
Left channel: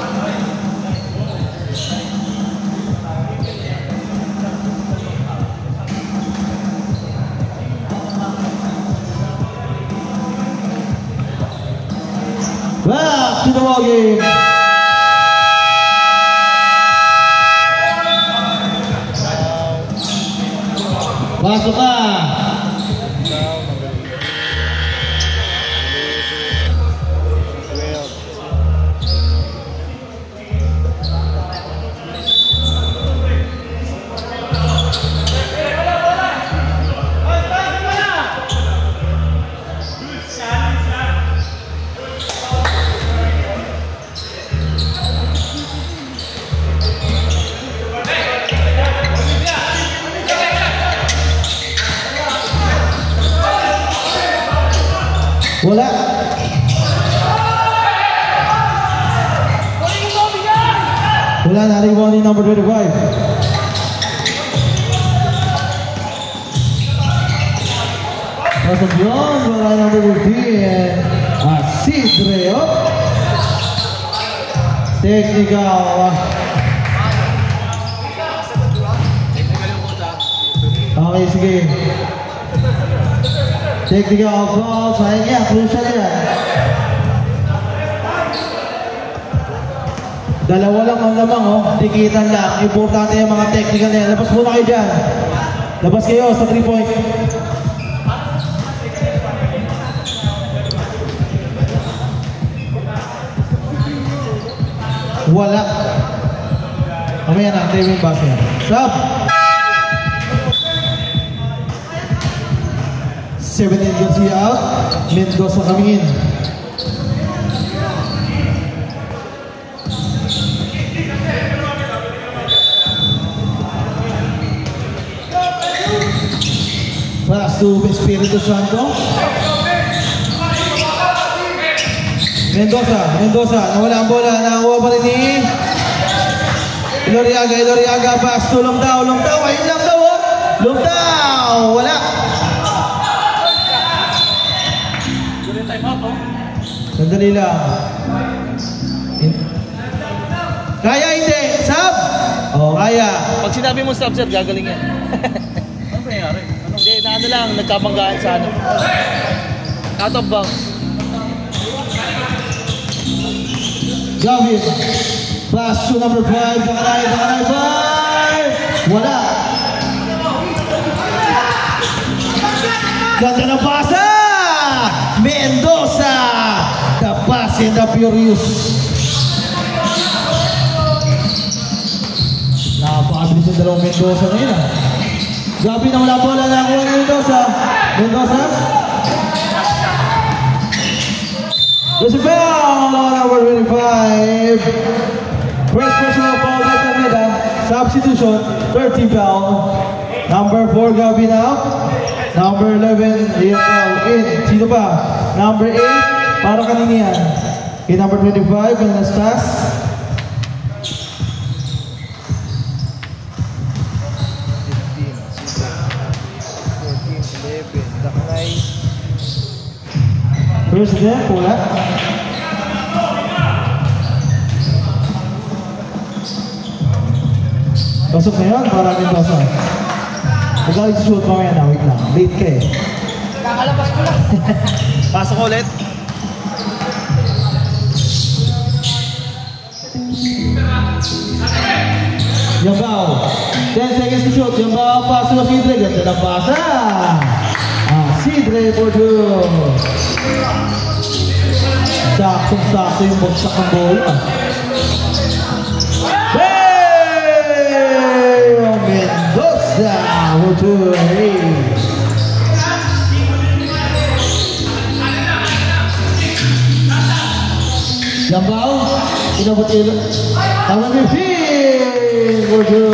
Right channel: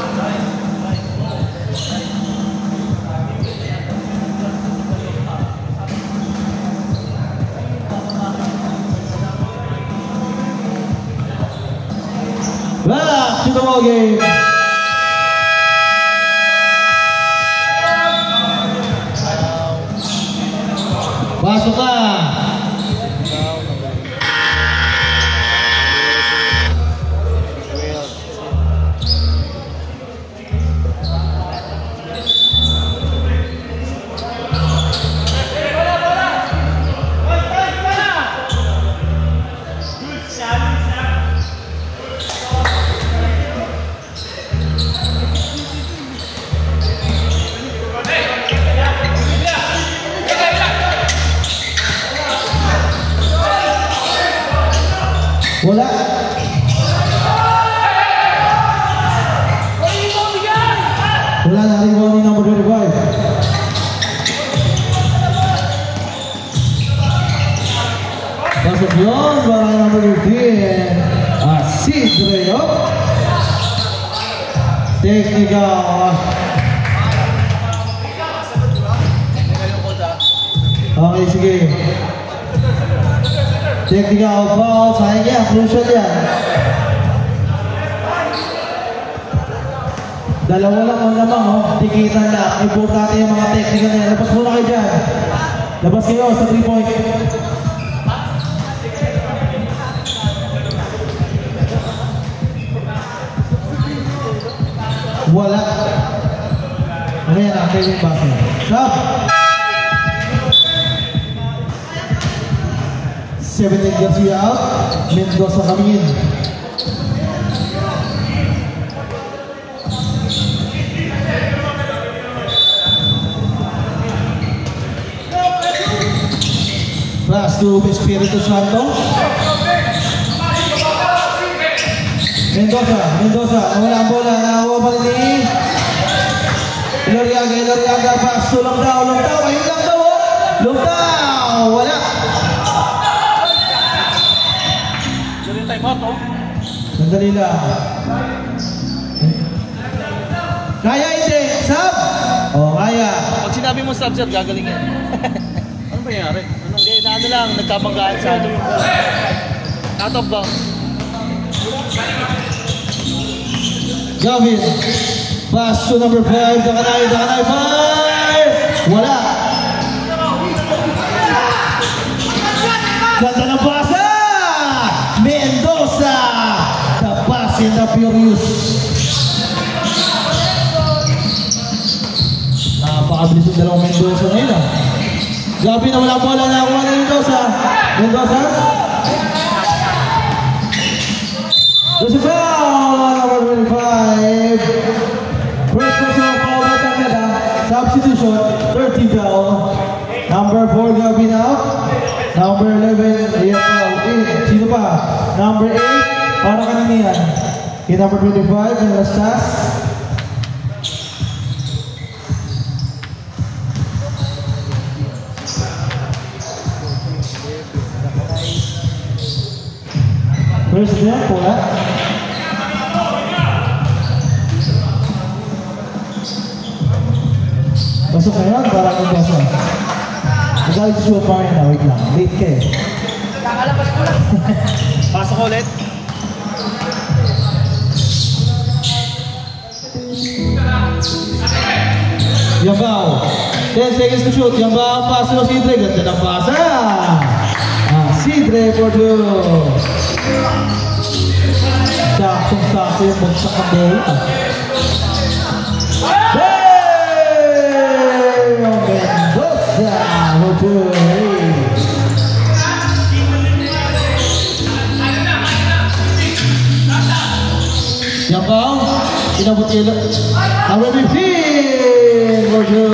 Back to the ball game. Pasok ka. Wala. Wala na rebounding number 25. Pasok yun, para number 15. Asidreo. Technical. Okay, sige. Technical foul. Sayang yan, crucial yan. Dalawa lang ang lamang, oh. Tikitan lang. Importante yung mga technical na yan. Labas muna kayo dyan. Labas kayo sa 3-point. Wala. Mamaya na, tayo yung basket. Stop! 17 Garcia out. Mendoza coming in. Pass to Espiritu Santo. Mendoza, nawala ang bola, nakakuha pa rin ni Eloriaga, pass to Longtao, ayun lang daw, oh. Longtao, wala. Sandali lang. Kaya hindi, sub? Oh, kaya. Pag sinabi mo sub, sir, gagaling yan. Ano ba nangyari? Hindi, ano lang, nagkabanggaan sa ano. Out of bounds. Gavin, pass to number 5, Dakanay, 5! Wala. Ganda ng pasa! Mendoza! The pass in the Furious. Napakabilis yung dalawang Mendoza ngayon, ah. Gavin na wala bola na ako ng Mendoza. Joseph number 25. First personal foul by Taneda. Substitution, 30 foul. Number 4, Gavin out. Number 11, Liam foul in. Sino pa? Number 8, para kanina yan. In number 25, Anastas. President, wala. Pasok na yun, parang yung basa. Magalit suot pa rin na, wait lang. Late ka eh. Pasok ulit. Yambao. 10 seconds to shoot. Yambao, pass mo Sidre. Ganda ng pasa. Sidre for two. Sakto yung bagsak ng bola. Mendoza for two. Yambao, inabot ilan. Number 15 for two.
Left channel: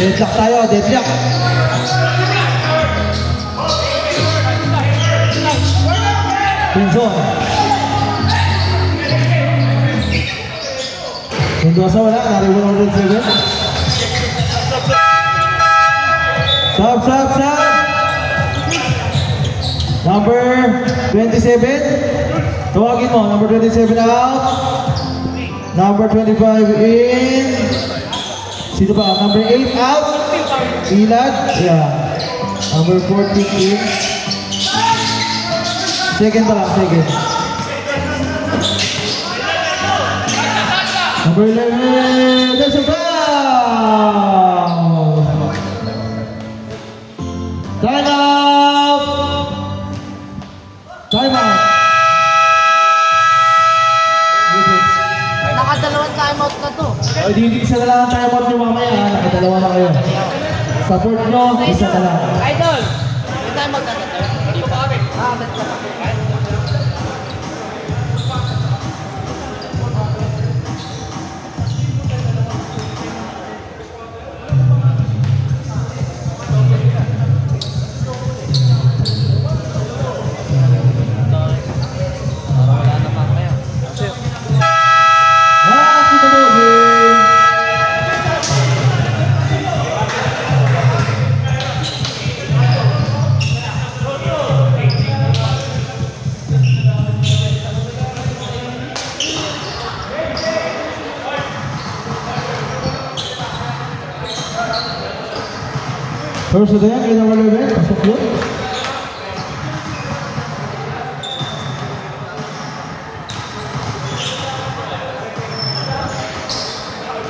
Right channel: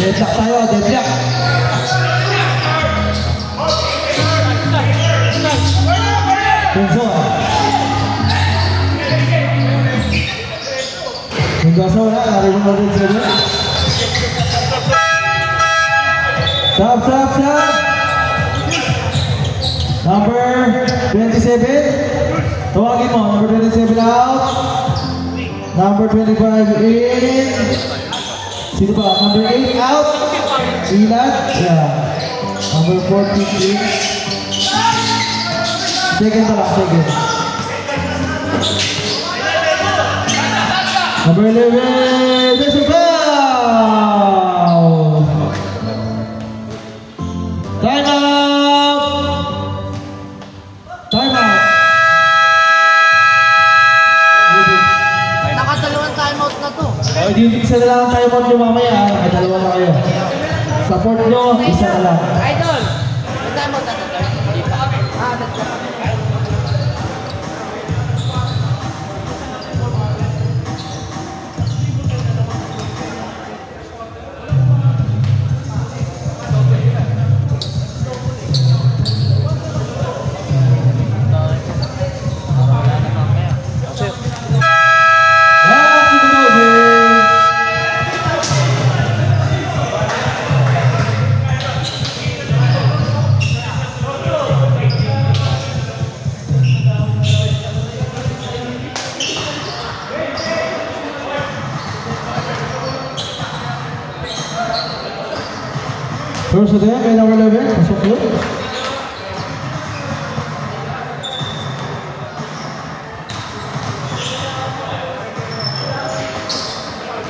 Deadlock tayo, deadlock. Pinzon. Mendoza wala, narinig mo rin sila. Stop. Number 27. Tawagin mo, number 27 out. Number 25 in. Sino pa? Number 8 out. Ilan? Yeah. Number 14 in. Second pa lang, second. Number 11, there's a foul! Time out! Time out! Nakadalawang timeout na to. Di isa na lang ang time out nyo mamaya. May dalawa na kayo. Support nyo, isa na lang. Idol! May timeout na to, sir? Hindi pa. That's pa. Wala na mamaya. First to them, may number 11, pasok yun.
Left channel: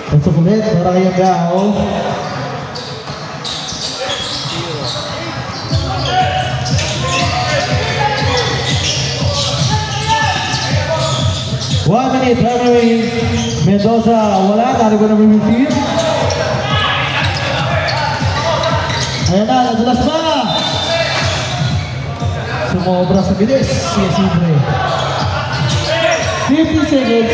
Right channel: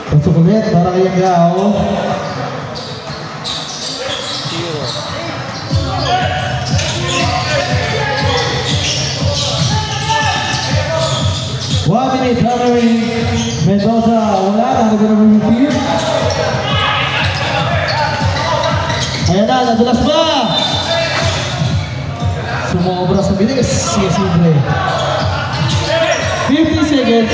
Pasok ulit, para kay Yangao. One minute, runaway Mendoza, wala, narinig na routine. Ayan na, nadulas ba? Sumobra sa bilis, si Isidre. 50 seconds.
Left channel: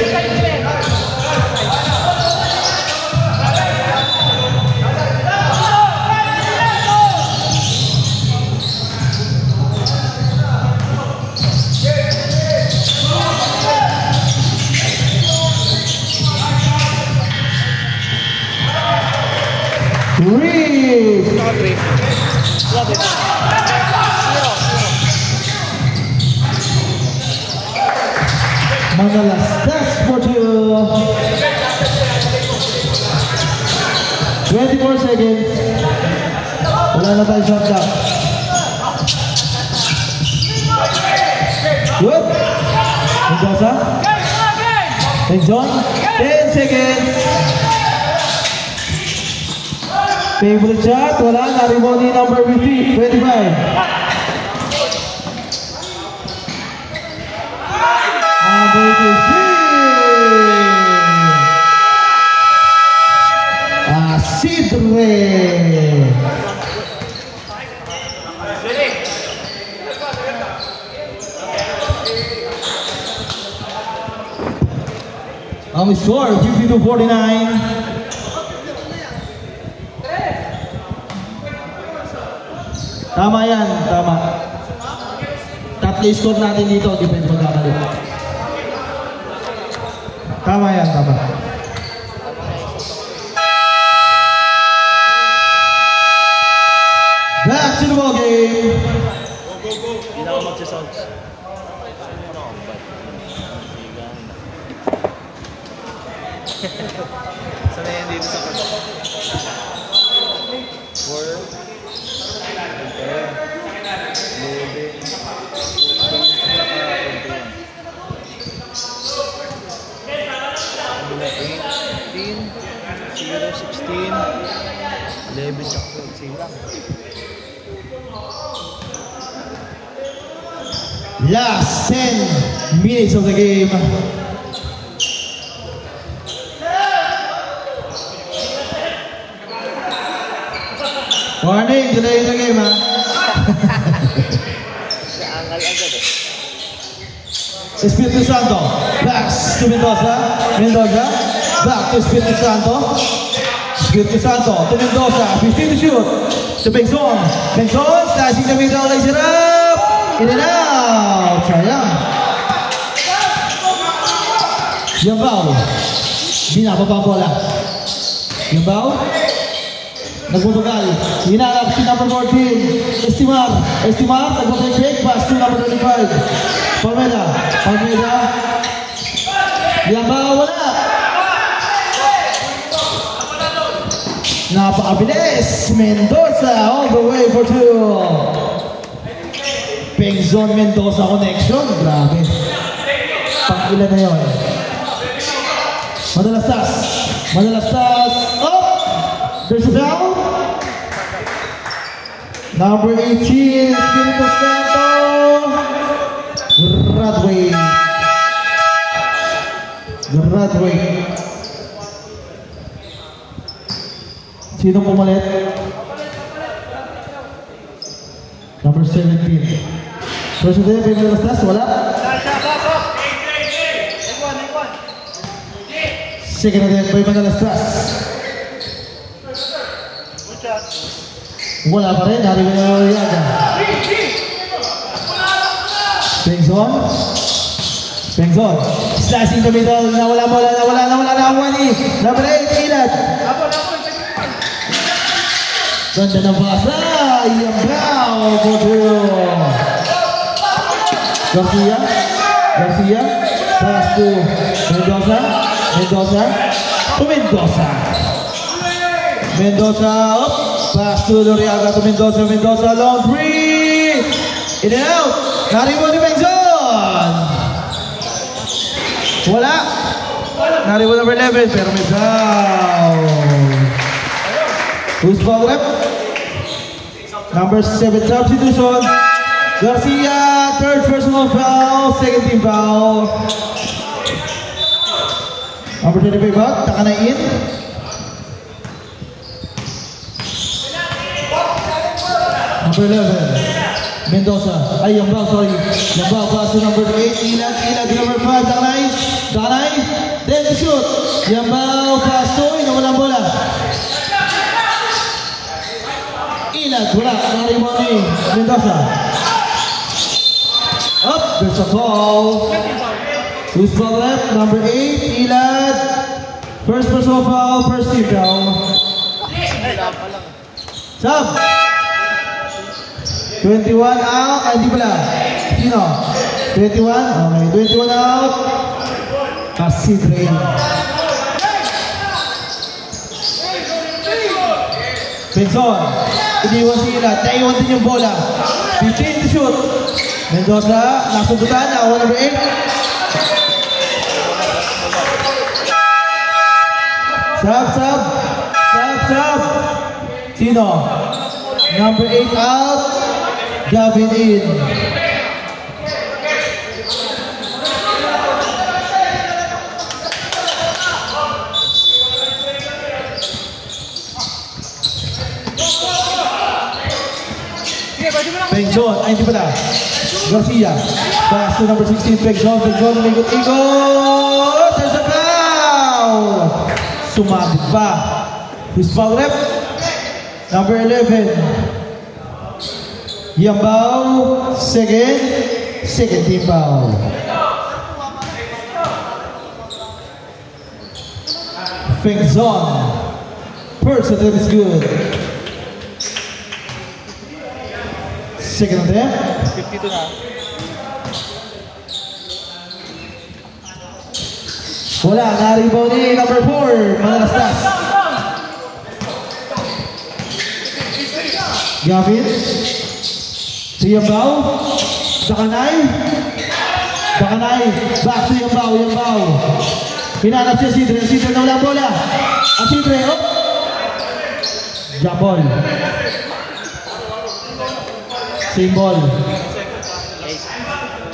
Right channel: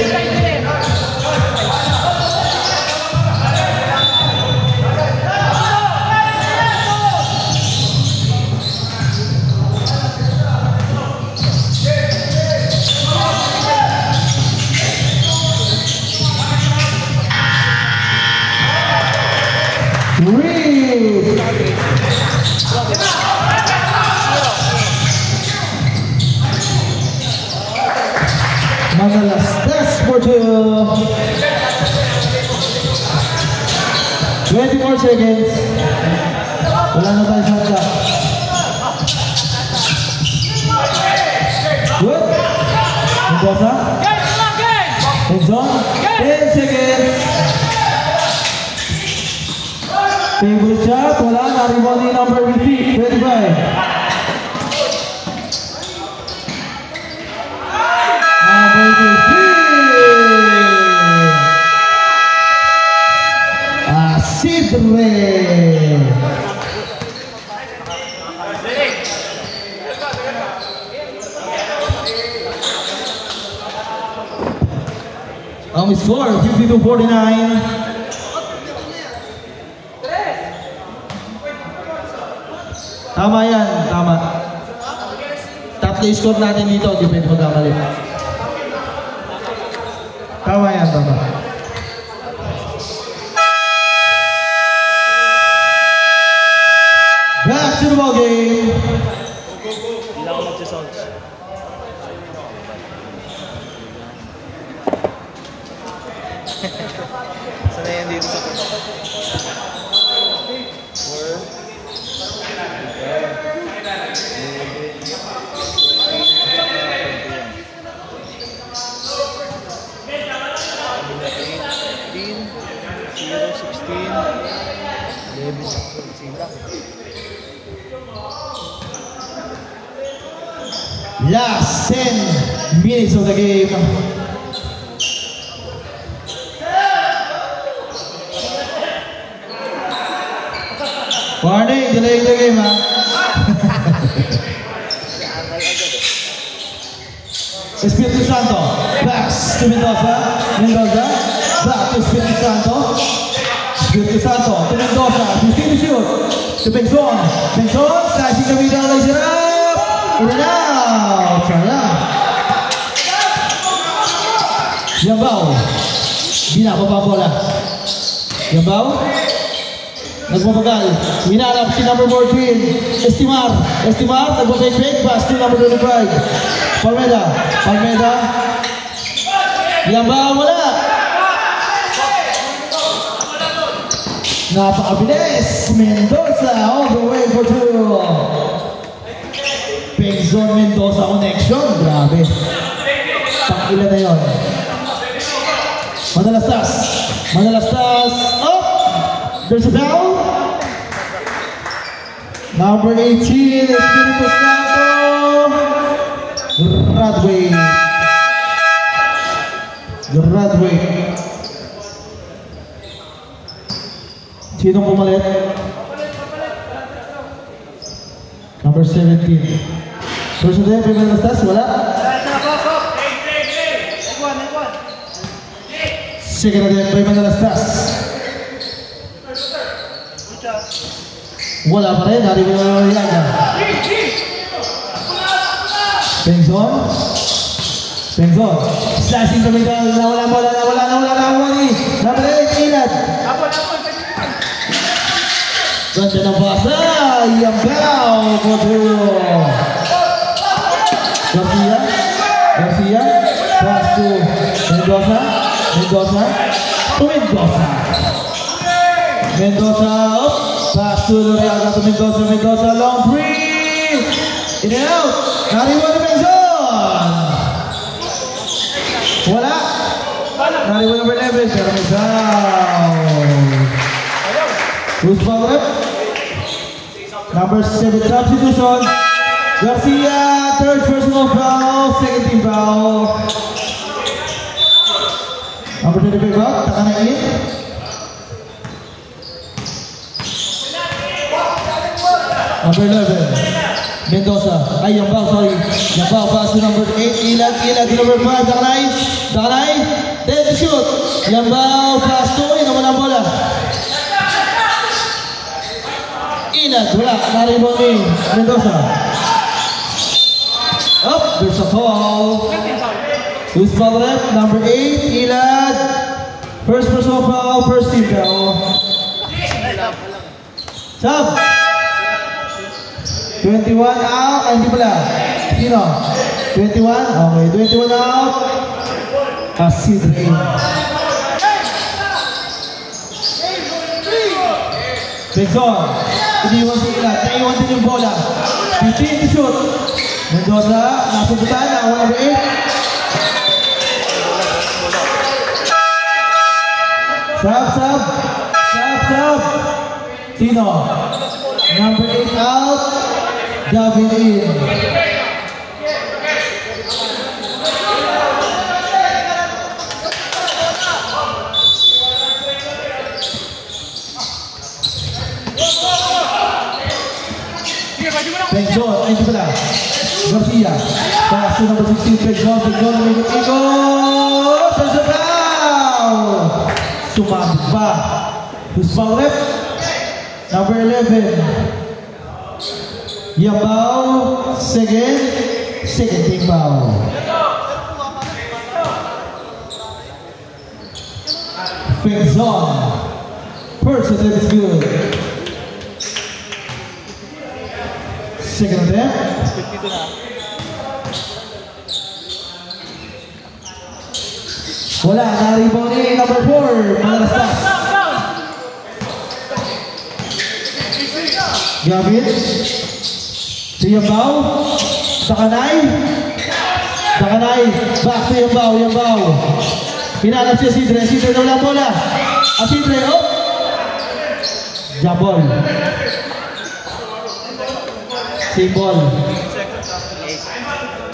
Manalastas for 24 seconds. Wala na tayo shot clock. Good. Mendoza. Tenzon. 10 seconds. Favorite shot. Wala. Naribon ni number 50. 29. Isidre. Ang score 52-49. Tama yan, tama. Tatlo score natin dito, depende magkakali. Tama yan, tama. Back to the ball game. Hindi lang ako magsasound. Sana yan dito sa court. 4 Last 10 minutes of the game. Warning, delay the game, ha? Espiritu Santo, backs to Mendoza. Mendoza, back to Espiritu Santo. Espiritu Santo to Mendoza, 15 to shoot. To Bengzon. Bengzon, slashing the middle, lays it up. In and out. Sayang. Yambao. Di na papabola. Yambao. Nagbabagal. Hinarap si number 14. Estimar. Estimar. Nagbabay-bake pass to number 25. Palmeda. Palmeda. Yambao wala. Napakabilis. Mendoza all the way for 2. Bengzon Mendoza connection. Grabe. Pag-ilan na yun. Manalastas. Manalastas. Up. There's a foul. Number 18. Espiritu Santo. Graduate. Graduate. Sino pumalit? Number 17. First day, Manalastas, wala? Second day, Manalastas. Wala pa rin, hari ko na Yaga. Bengzon. Bengzon. Slashing the middle, nawala. Number 8, Inat. Ganda ng basa, Yambao, Godo. Garcia, pass to Mendoza, to Mendoza. Mendoza up, Pass to Loriaga to Mendoza. Mendoza, long three. In and out. Nariwan ni Benzon. Wala. Nariwan number 11, pero may foul. Who's foul rep? Number 7 substitution. Garcia, third personal foul, second team foul. Number 25 back, Takana in. Number 11, Mendoza. Ay, yung foul, sorry. Yung foul, pass to number 8, Ilag, number 5, Takanay. 10 to shoot. Yung foul, pass to, naman ang bola. Ilag, wala, naribon ni Mendoza. Up, there's a foul. Who's foul left? Number 8, Ilag. First personal foul, first team foul. Sub. 21 out, hindi pala. Sino? 21? Okay, 21 out. Asidre. Benzon. Iniwan si Ilag. Naiwan din yung bola. 15 to shoot. Mendoza, nasubutan na, number 8. Sub. Sino? Number 8 out. Gavin in. Benzon, ay hindi pala. Garcia, pass to number 16, Benzon, ikot! There's a foul! Sumabit pa. Who's foul rep? Number 11. Yambao, second team foul. Benzon, first attempt is good. Second attempt. 52 na. Wala, naribon ni number 4, Manalastas. Gavin. Si Yambao. Takanay. Back to Yambao. Pinalas siya Sidre na wala bola. Sidre, oh. Jabol. Symbol.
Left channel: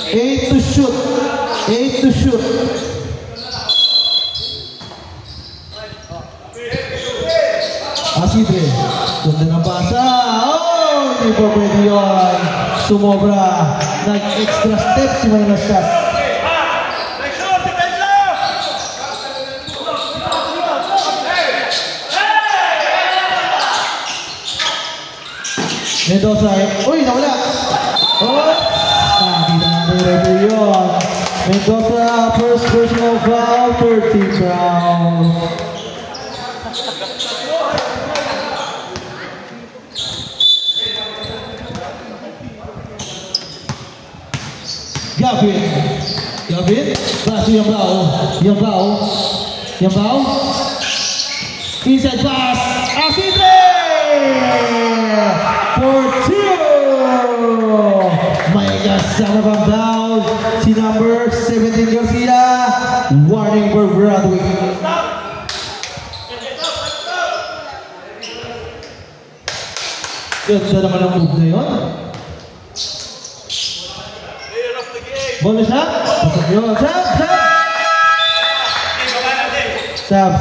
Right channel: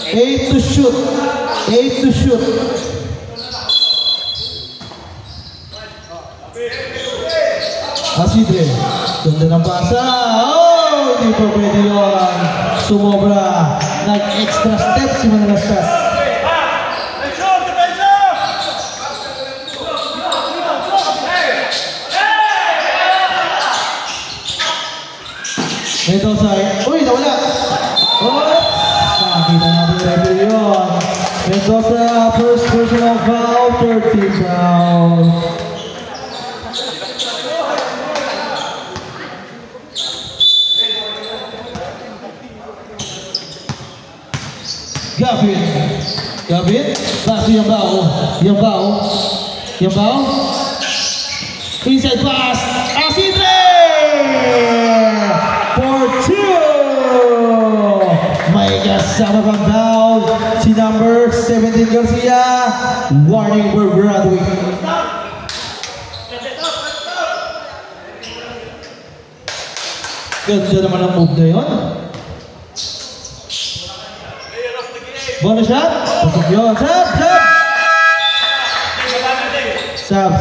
8 to shoot. Sidre. Ganda ng basa. Oh, hindi pa pwede yun. Sumobra. Nag-extra step si Manalastas. Mendoza, uy, nawala. Oh, nakita natin yun. Mendoza, first personal foul, 30 foul. Gavin, pass to Yambao. Inside pass, Asidre! For 2! May kasama pang foul si number 17 Garcia. Warning for Broadway. Ganda naman ang move na yun. Bola shot. Pasok yun. Sab.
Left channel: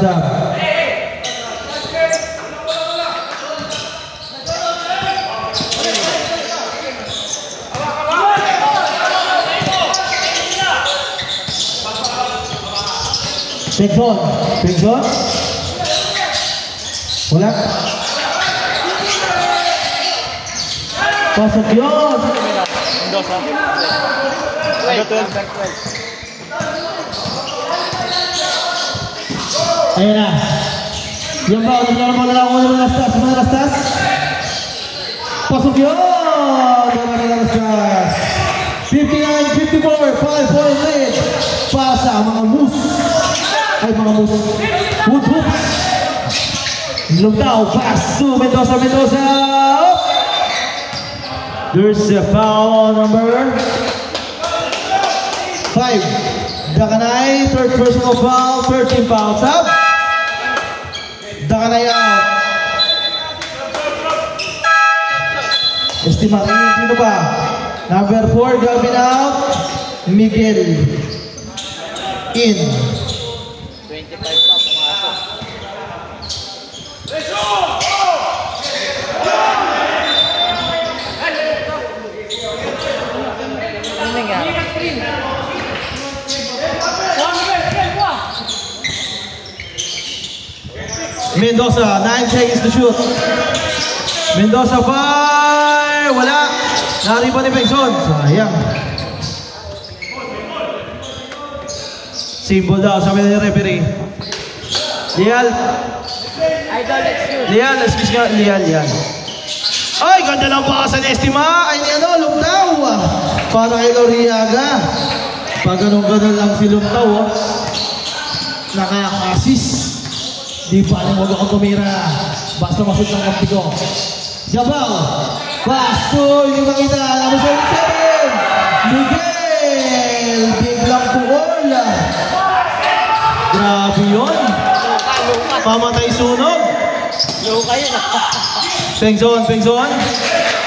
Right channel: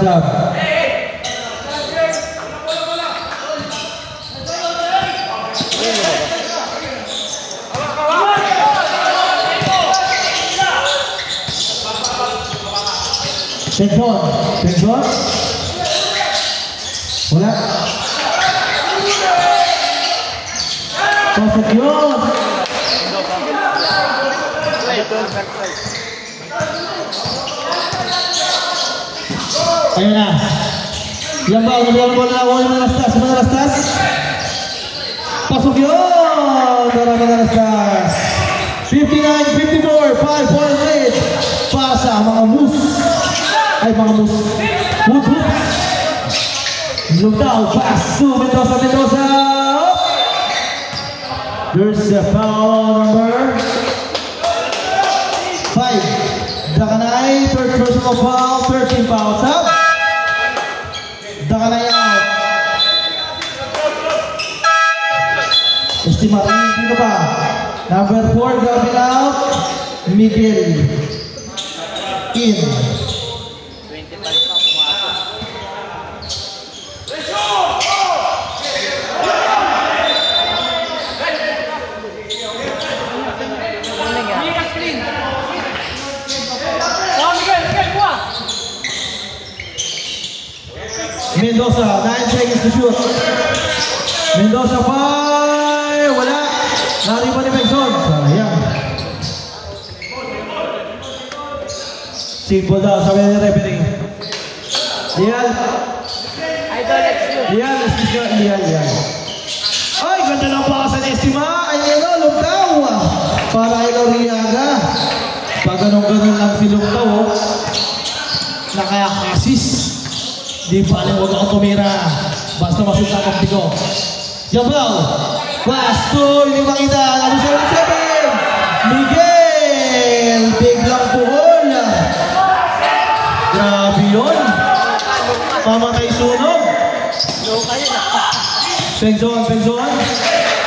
Benzon. Wala. Pasok yun. Ayan na. Yambao, Manalastas. Pasok yun. Manalastas. 59-54, 5-point lead. Pasa, mga moose. Wood hoops. Lumtao, pass to Mendoza, Mendoza. There's a foul on number 5. Dakanay, third personal foul, 13 fouls up. Dakanay out. Estimate, sino pa? Number 4, Gavin out. Miguel in. 25 na Mendoza, 9 seconds to shoot. Mendoza fire, wala. Nari pa ni Pengson. Sayang. Simple daw, sabi ni referee. Lial. Lial, excuse ka. Lial. Ay, ganda lang pa sa Estima. Ay, Lumtao. Para kay Loriaga. Pag ganun-ganun lang si Lumtao, nakaka-assist. Di pa rin huwag akong tumira. Basta masuk ng kampi ko. Jabal. Pasto. Hindi makita. Ano sa ulit natin? Miguel. Biglang puhol. Grabe yun. Mamatay sunog. Pengson.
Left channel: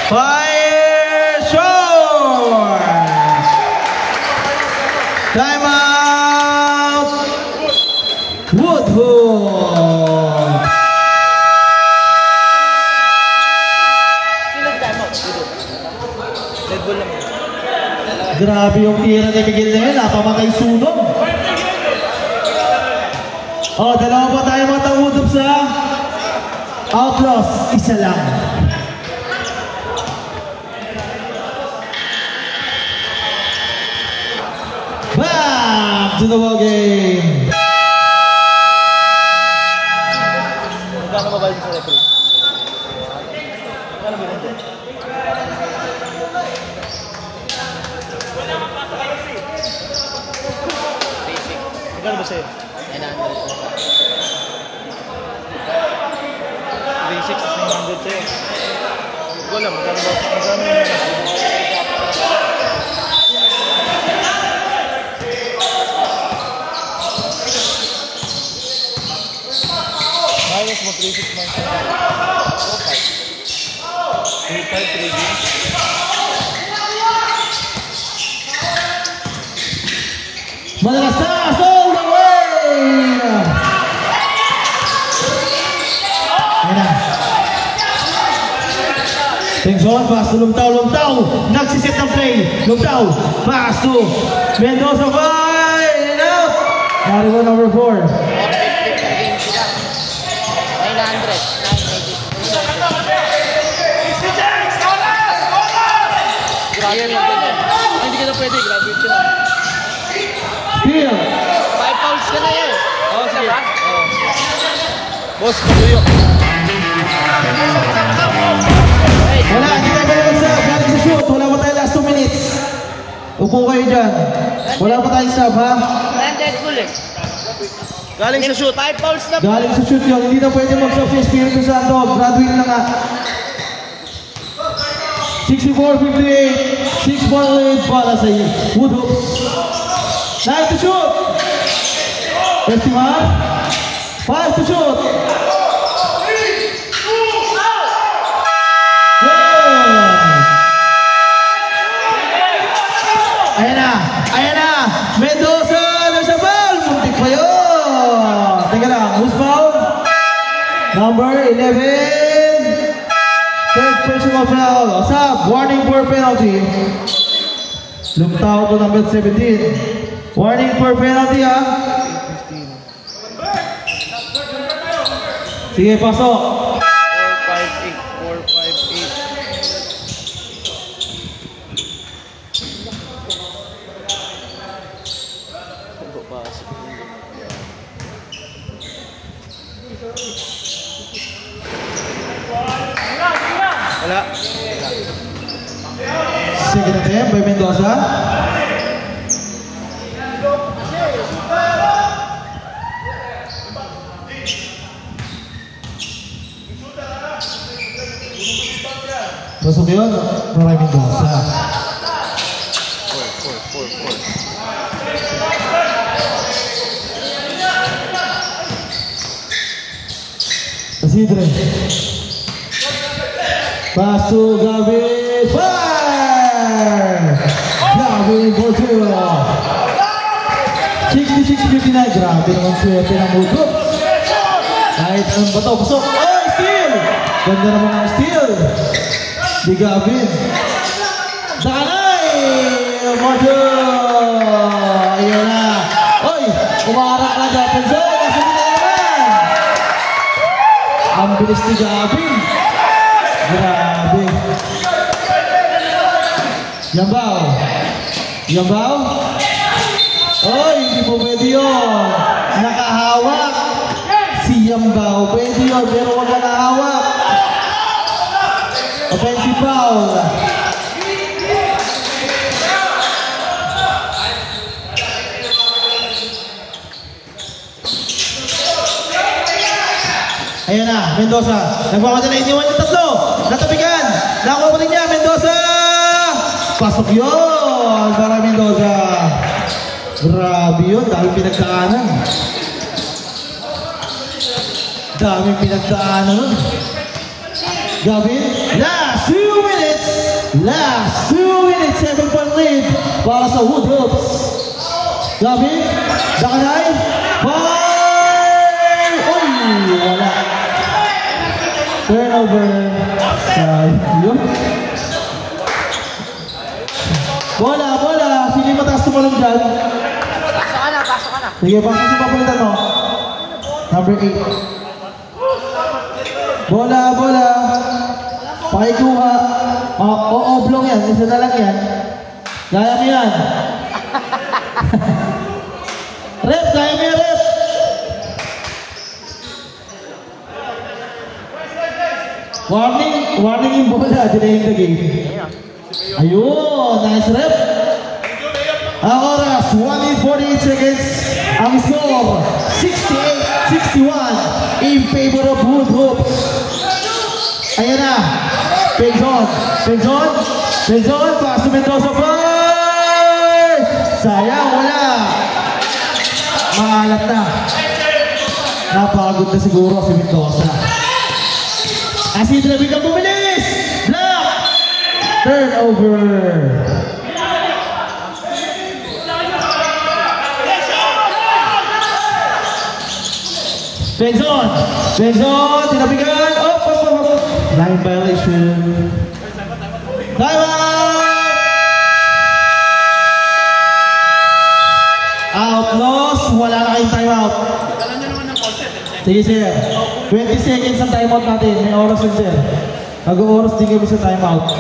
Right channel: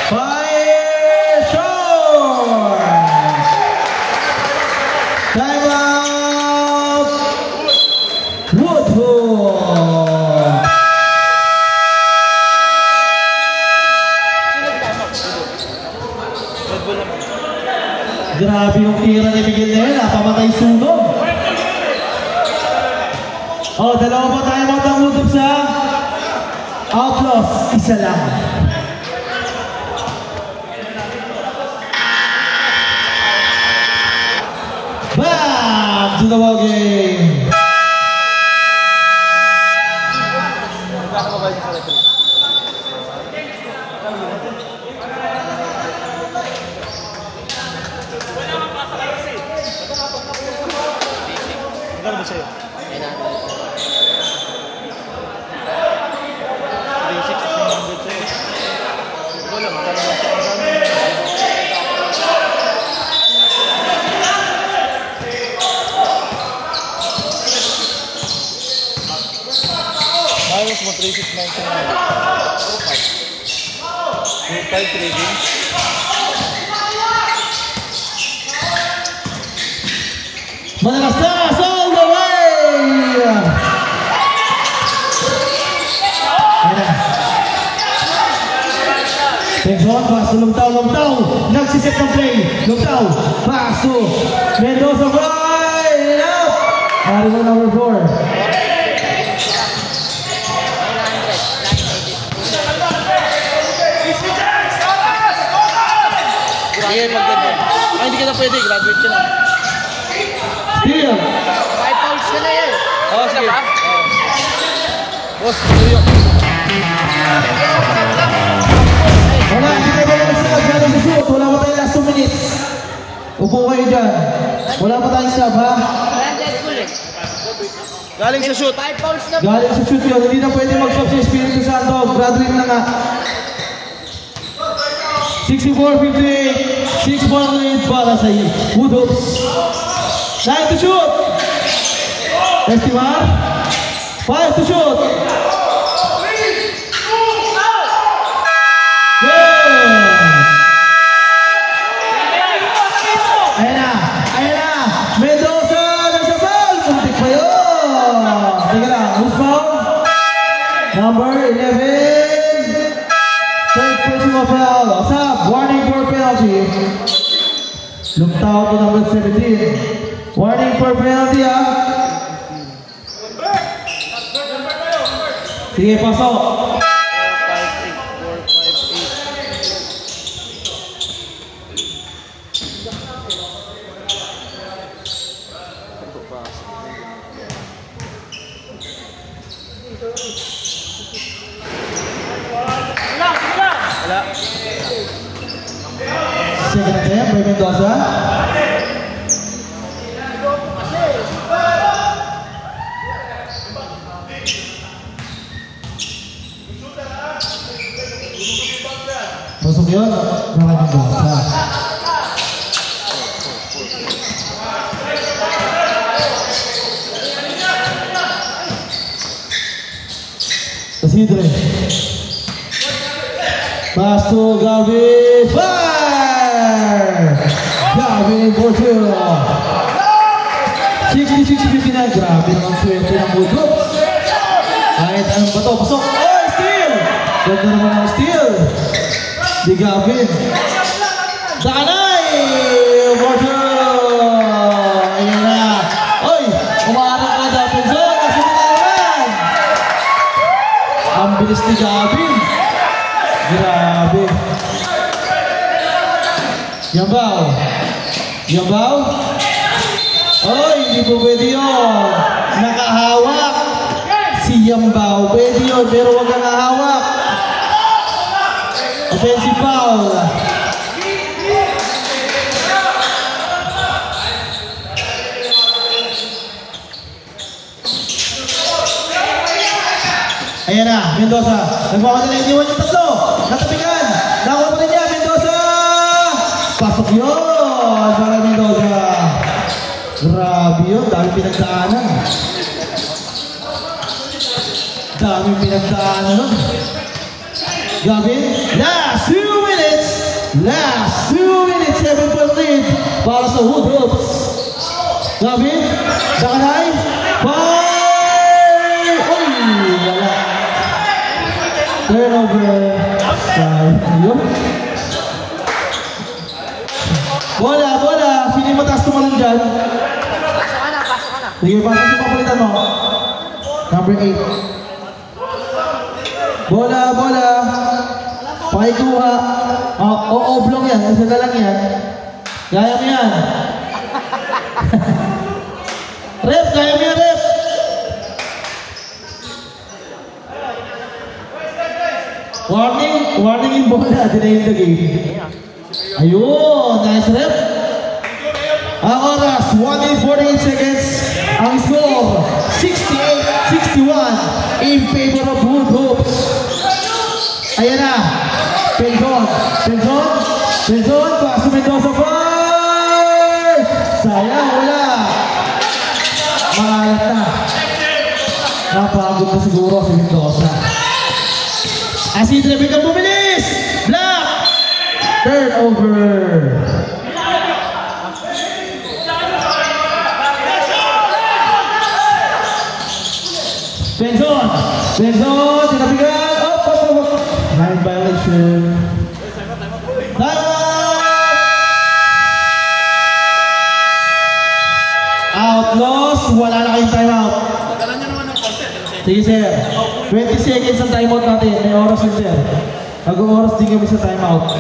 Fire shot. Time out. Woodhood. Grabe yung tira ni Miguel na yun, pamakay sunog. Dalawa pa tayo matangutap sa Outlaws, isa lang. Back to the ball game. Magkano ba yung sa referee? Magkano ba rin? Magkano ba sa'yo? 3,600 sa'yo. Wala, magkano ba sa'yo? Ayos mo 3,600. 3,500 trading. Malakas all the way! Pengson, pass to Lumtao. Nagsiset ng play. Lumtao, pass to Mendoza, fire! And out! Narigo number 4. Grabe magganyan. Ay, hindi ka na pwede. Graduate ka na. Steal. 5 fouls ka na yan. Oo, sige. Boss, tuyo. Wala, hindi tayo balik sa galing sa shoot. Wala pa tayo last 2 minutes. Upo kayo dyan. Wala pa tayong sub, ha? Galing sa shoot. 5 fouls na. Galing sa shoot yun. Hindi na pwede mag-sub si Espiritu Santo. Graduate na nga. 64-58. 6-point para sa Woodhoops. 9 to shoot. Estimar. 5 to shoot. Ayan na. Mendoza, nasa ball. Muntik pa yun. Teka lang, who's foul? Number 11. Third personal foul. Asap, warning for penalty. Lumtao to number 17. Warning for penalty, ha? Sige, pasok. 4, 5, 8. Wala. Second attempt by Mendoza. Pasok yun, maraming Mendoza. Isidre. Pass to Gavin. Fire! Gavin for two. 66-59. Grabe ang swerte ng Woodrow. Kahit anong bato. Pasok. Oh, steal! Ganda naman ang steal. Di Gavin. Dakanay! Woodrow! Ayan na. Oy! Umarang ka dati dyan. Kasi ginagawan. Ang bilis ni Gavin. Grabe. Yambaw. Yambaw. Oy, hindi po pwede yun. Nakahawak. Si Yambaw. Pwede yun, pero wag ka nahawak. Offensive foul. Ayan na, Mendoza. Nagpapata na iniwan yung tatlo. Natapigan. Nakuha pa rin niya, Mendoza. Pasok yun para Mendoza. Grabe yun, dami pinagdaanan. Dami pinagdaanan nun. Gabi, last 2 minutes. Last 2 minutes, 7-point lead para sa Woodrows. Gabi, Dakanay. Bye! Uy, wala. Turnover. Yun. Bola, bola. Sino yung mataas tumalong dyan? Pasok ka na, pasok ka na. Sige, pasok si papalitan mo. Number 8. Bola, bola. Pakikuha. Oblong yan. Isa na lang yan. Gaya mo yan. Rep, gaya mo yan, rep. Warning yung bola. Dinayin the game. Ayun, nice rep. Ang oras, 1 minute 48 seconds. Ang score, 68-61 in favor of Woodrows. Ayan na. Penzon. Pass to Mendoza. Fire! Sayang, wala. Maalat na. Napagod na siguro si Mendoza. Isidre, bigyan bumilis! Block! Turnover. Penzon, tinabigan. Up. Line violation. Time out! Outlaws, wala na kayong time out. Sige sir, 20 seconds ang time out natin. May oras yun sir. Mag-oras din kami sa time out.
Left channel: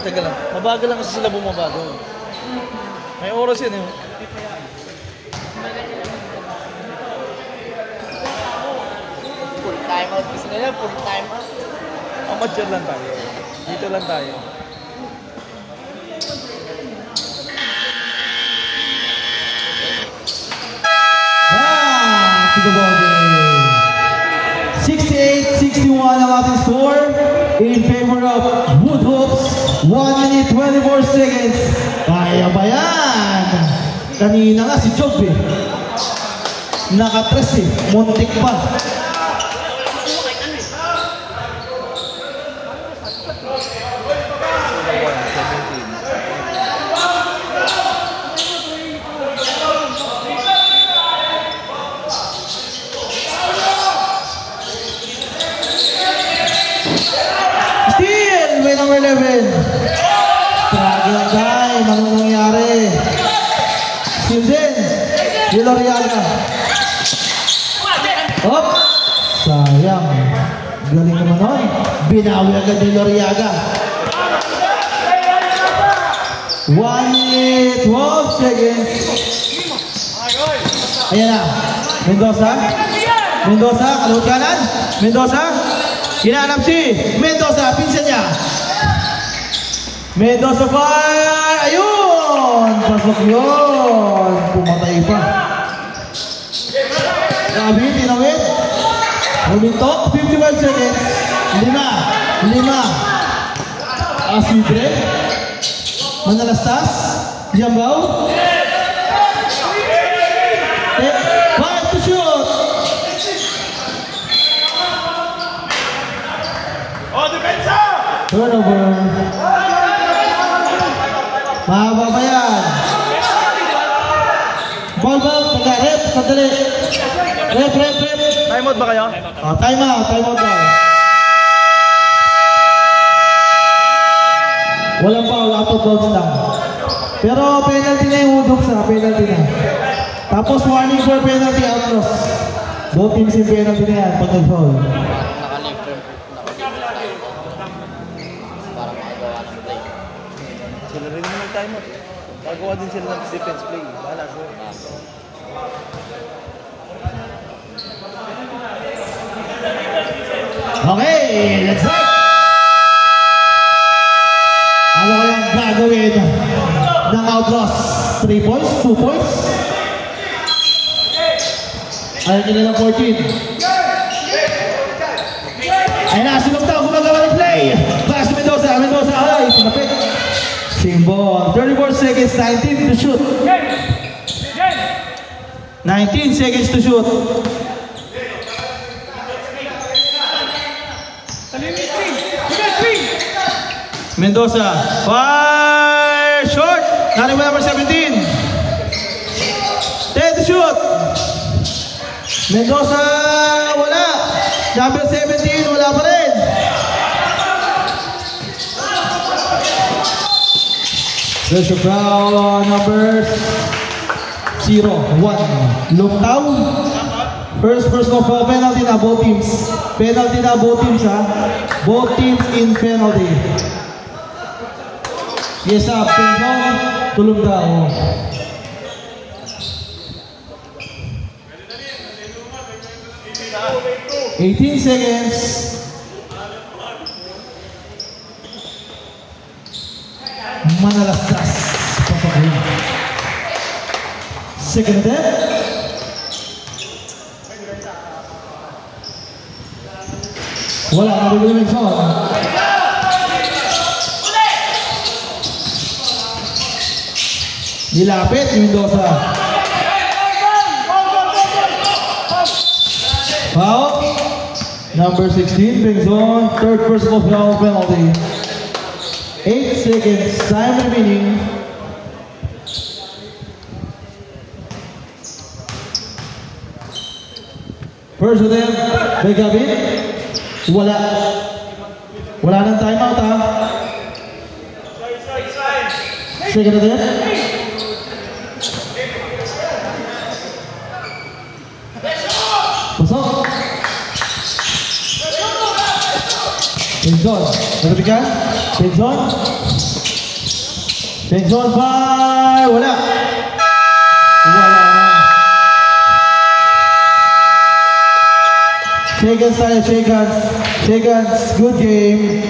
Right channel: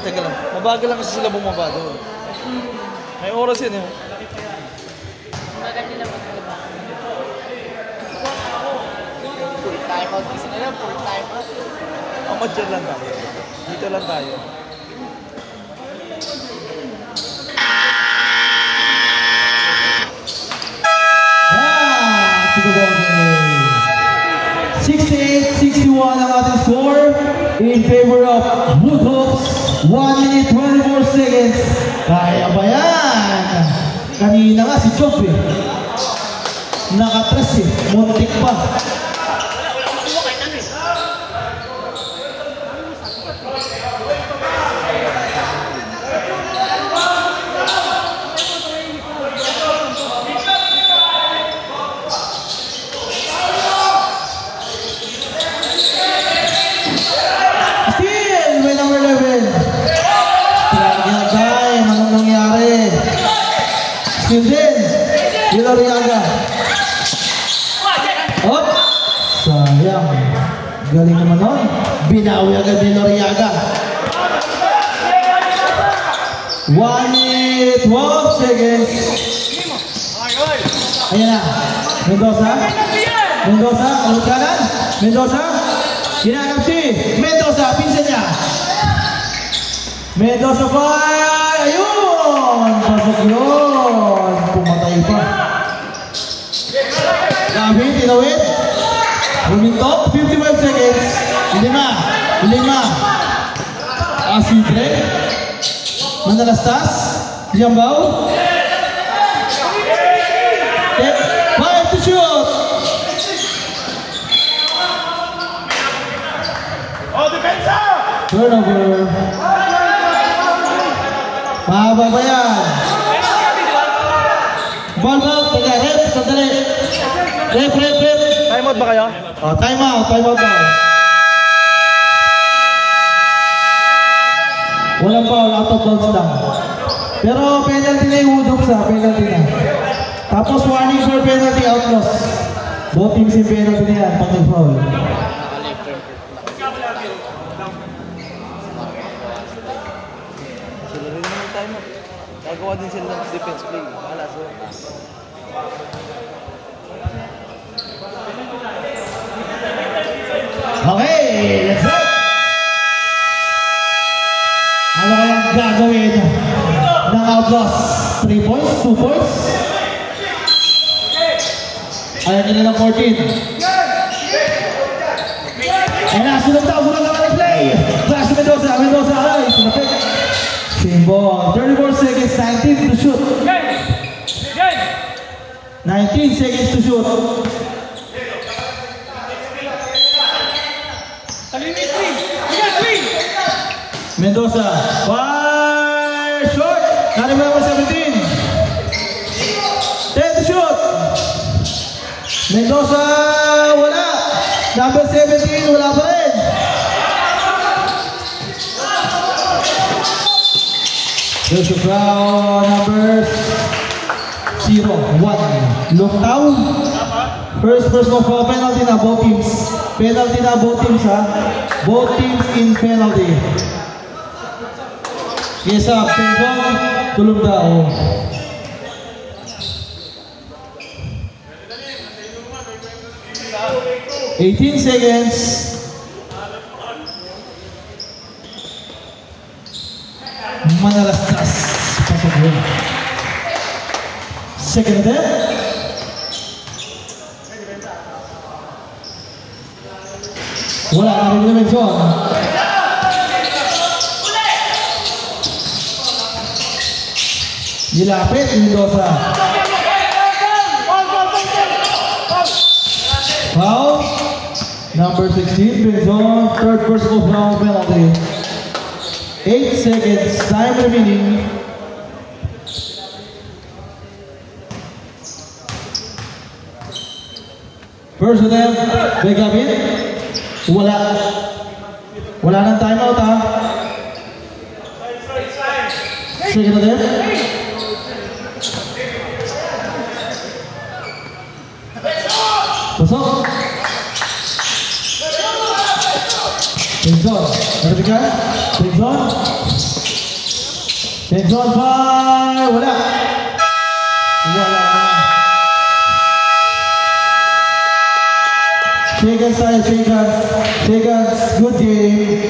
Teka lang, mabagal lang kasi sila bumaba doon. May oras yun eh. Time out gusto nila, full time out. Amateur lang tayo. Dito lang tayo. To the ball game. 68-61 ang ating score in favor of Woodrows. 1 minute 24 seconds. Kaya ba yan? Kanina nga si Job eh. Nakatras eh. Muntik pa. Steal with number 11. Tragagay, anong nangyari? Steal din. Villarreaga. Hop. Sayang. Galing mo nun. Binawi agad Villarreaga. 1 minute 12 seconds. Ayan na. Mendoza. Kalawat kanan. Mendoza. Hinahanap si Mendoza. Pinsan niya. Mendoza fire. Ayun. Pasok yun. Pumatay pa. Gabi, tinawid. Bumintok, 55 seconds. Lima. Asidre. Manalastas. Yambao. Five to shoot. Turnover. Mahaba ba yan? Ball, taga, rep, sandali. Rep. Time out ba kayo? Oh, time out ba? Walang foul, out of bounds lang. Pero penalty na yung Woodrocks penalty na. Tapos warning for penalty outlaws. Both teams yung penalty na yan, pag nag-foul. Sila rin naman nag-time out. Gagawa din sila ng defense play. Bahala sila. Okay, let's go! Ano kayang gagawin ng outlaws? 3 points? 2 points? Ayaw nila ng 14. Ayun na, sinugtaw, gumagawa ng play! Clash Mendoza, ay, tumapit. Same ball, 34 seconds, 19 to shoot. 19 seconds to shoot. Mendoza, fire short. Nari mo number 17. 10 to shoot. Mendoza, wala. Number 17, wala pa rin. There's a crowd number 0-1. Longtaw. First personal foul penalty na both teams. Penalty na both teams ha. Both teams in penalty. Yes up, Pengong, tulog daw. $18 seconds. Manalastas. Pasok mo. Second and 10. Wala, narinig yung zone. Nilapit, Mendoza. Foul. Number 16, Pengong, third personal foul penalty. 8 seconds, time remaining. First attempt, Begabin. Wala nang timeout ha. Second attempt. Pasok. Pengong, nagbigan. Pengong, fire. Wala. Shake hands tayo, shake hands. Good game.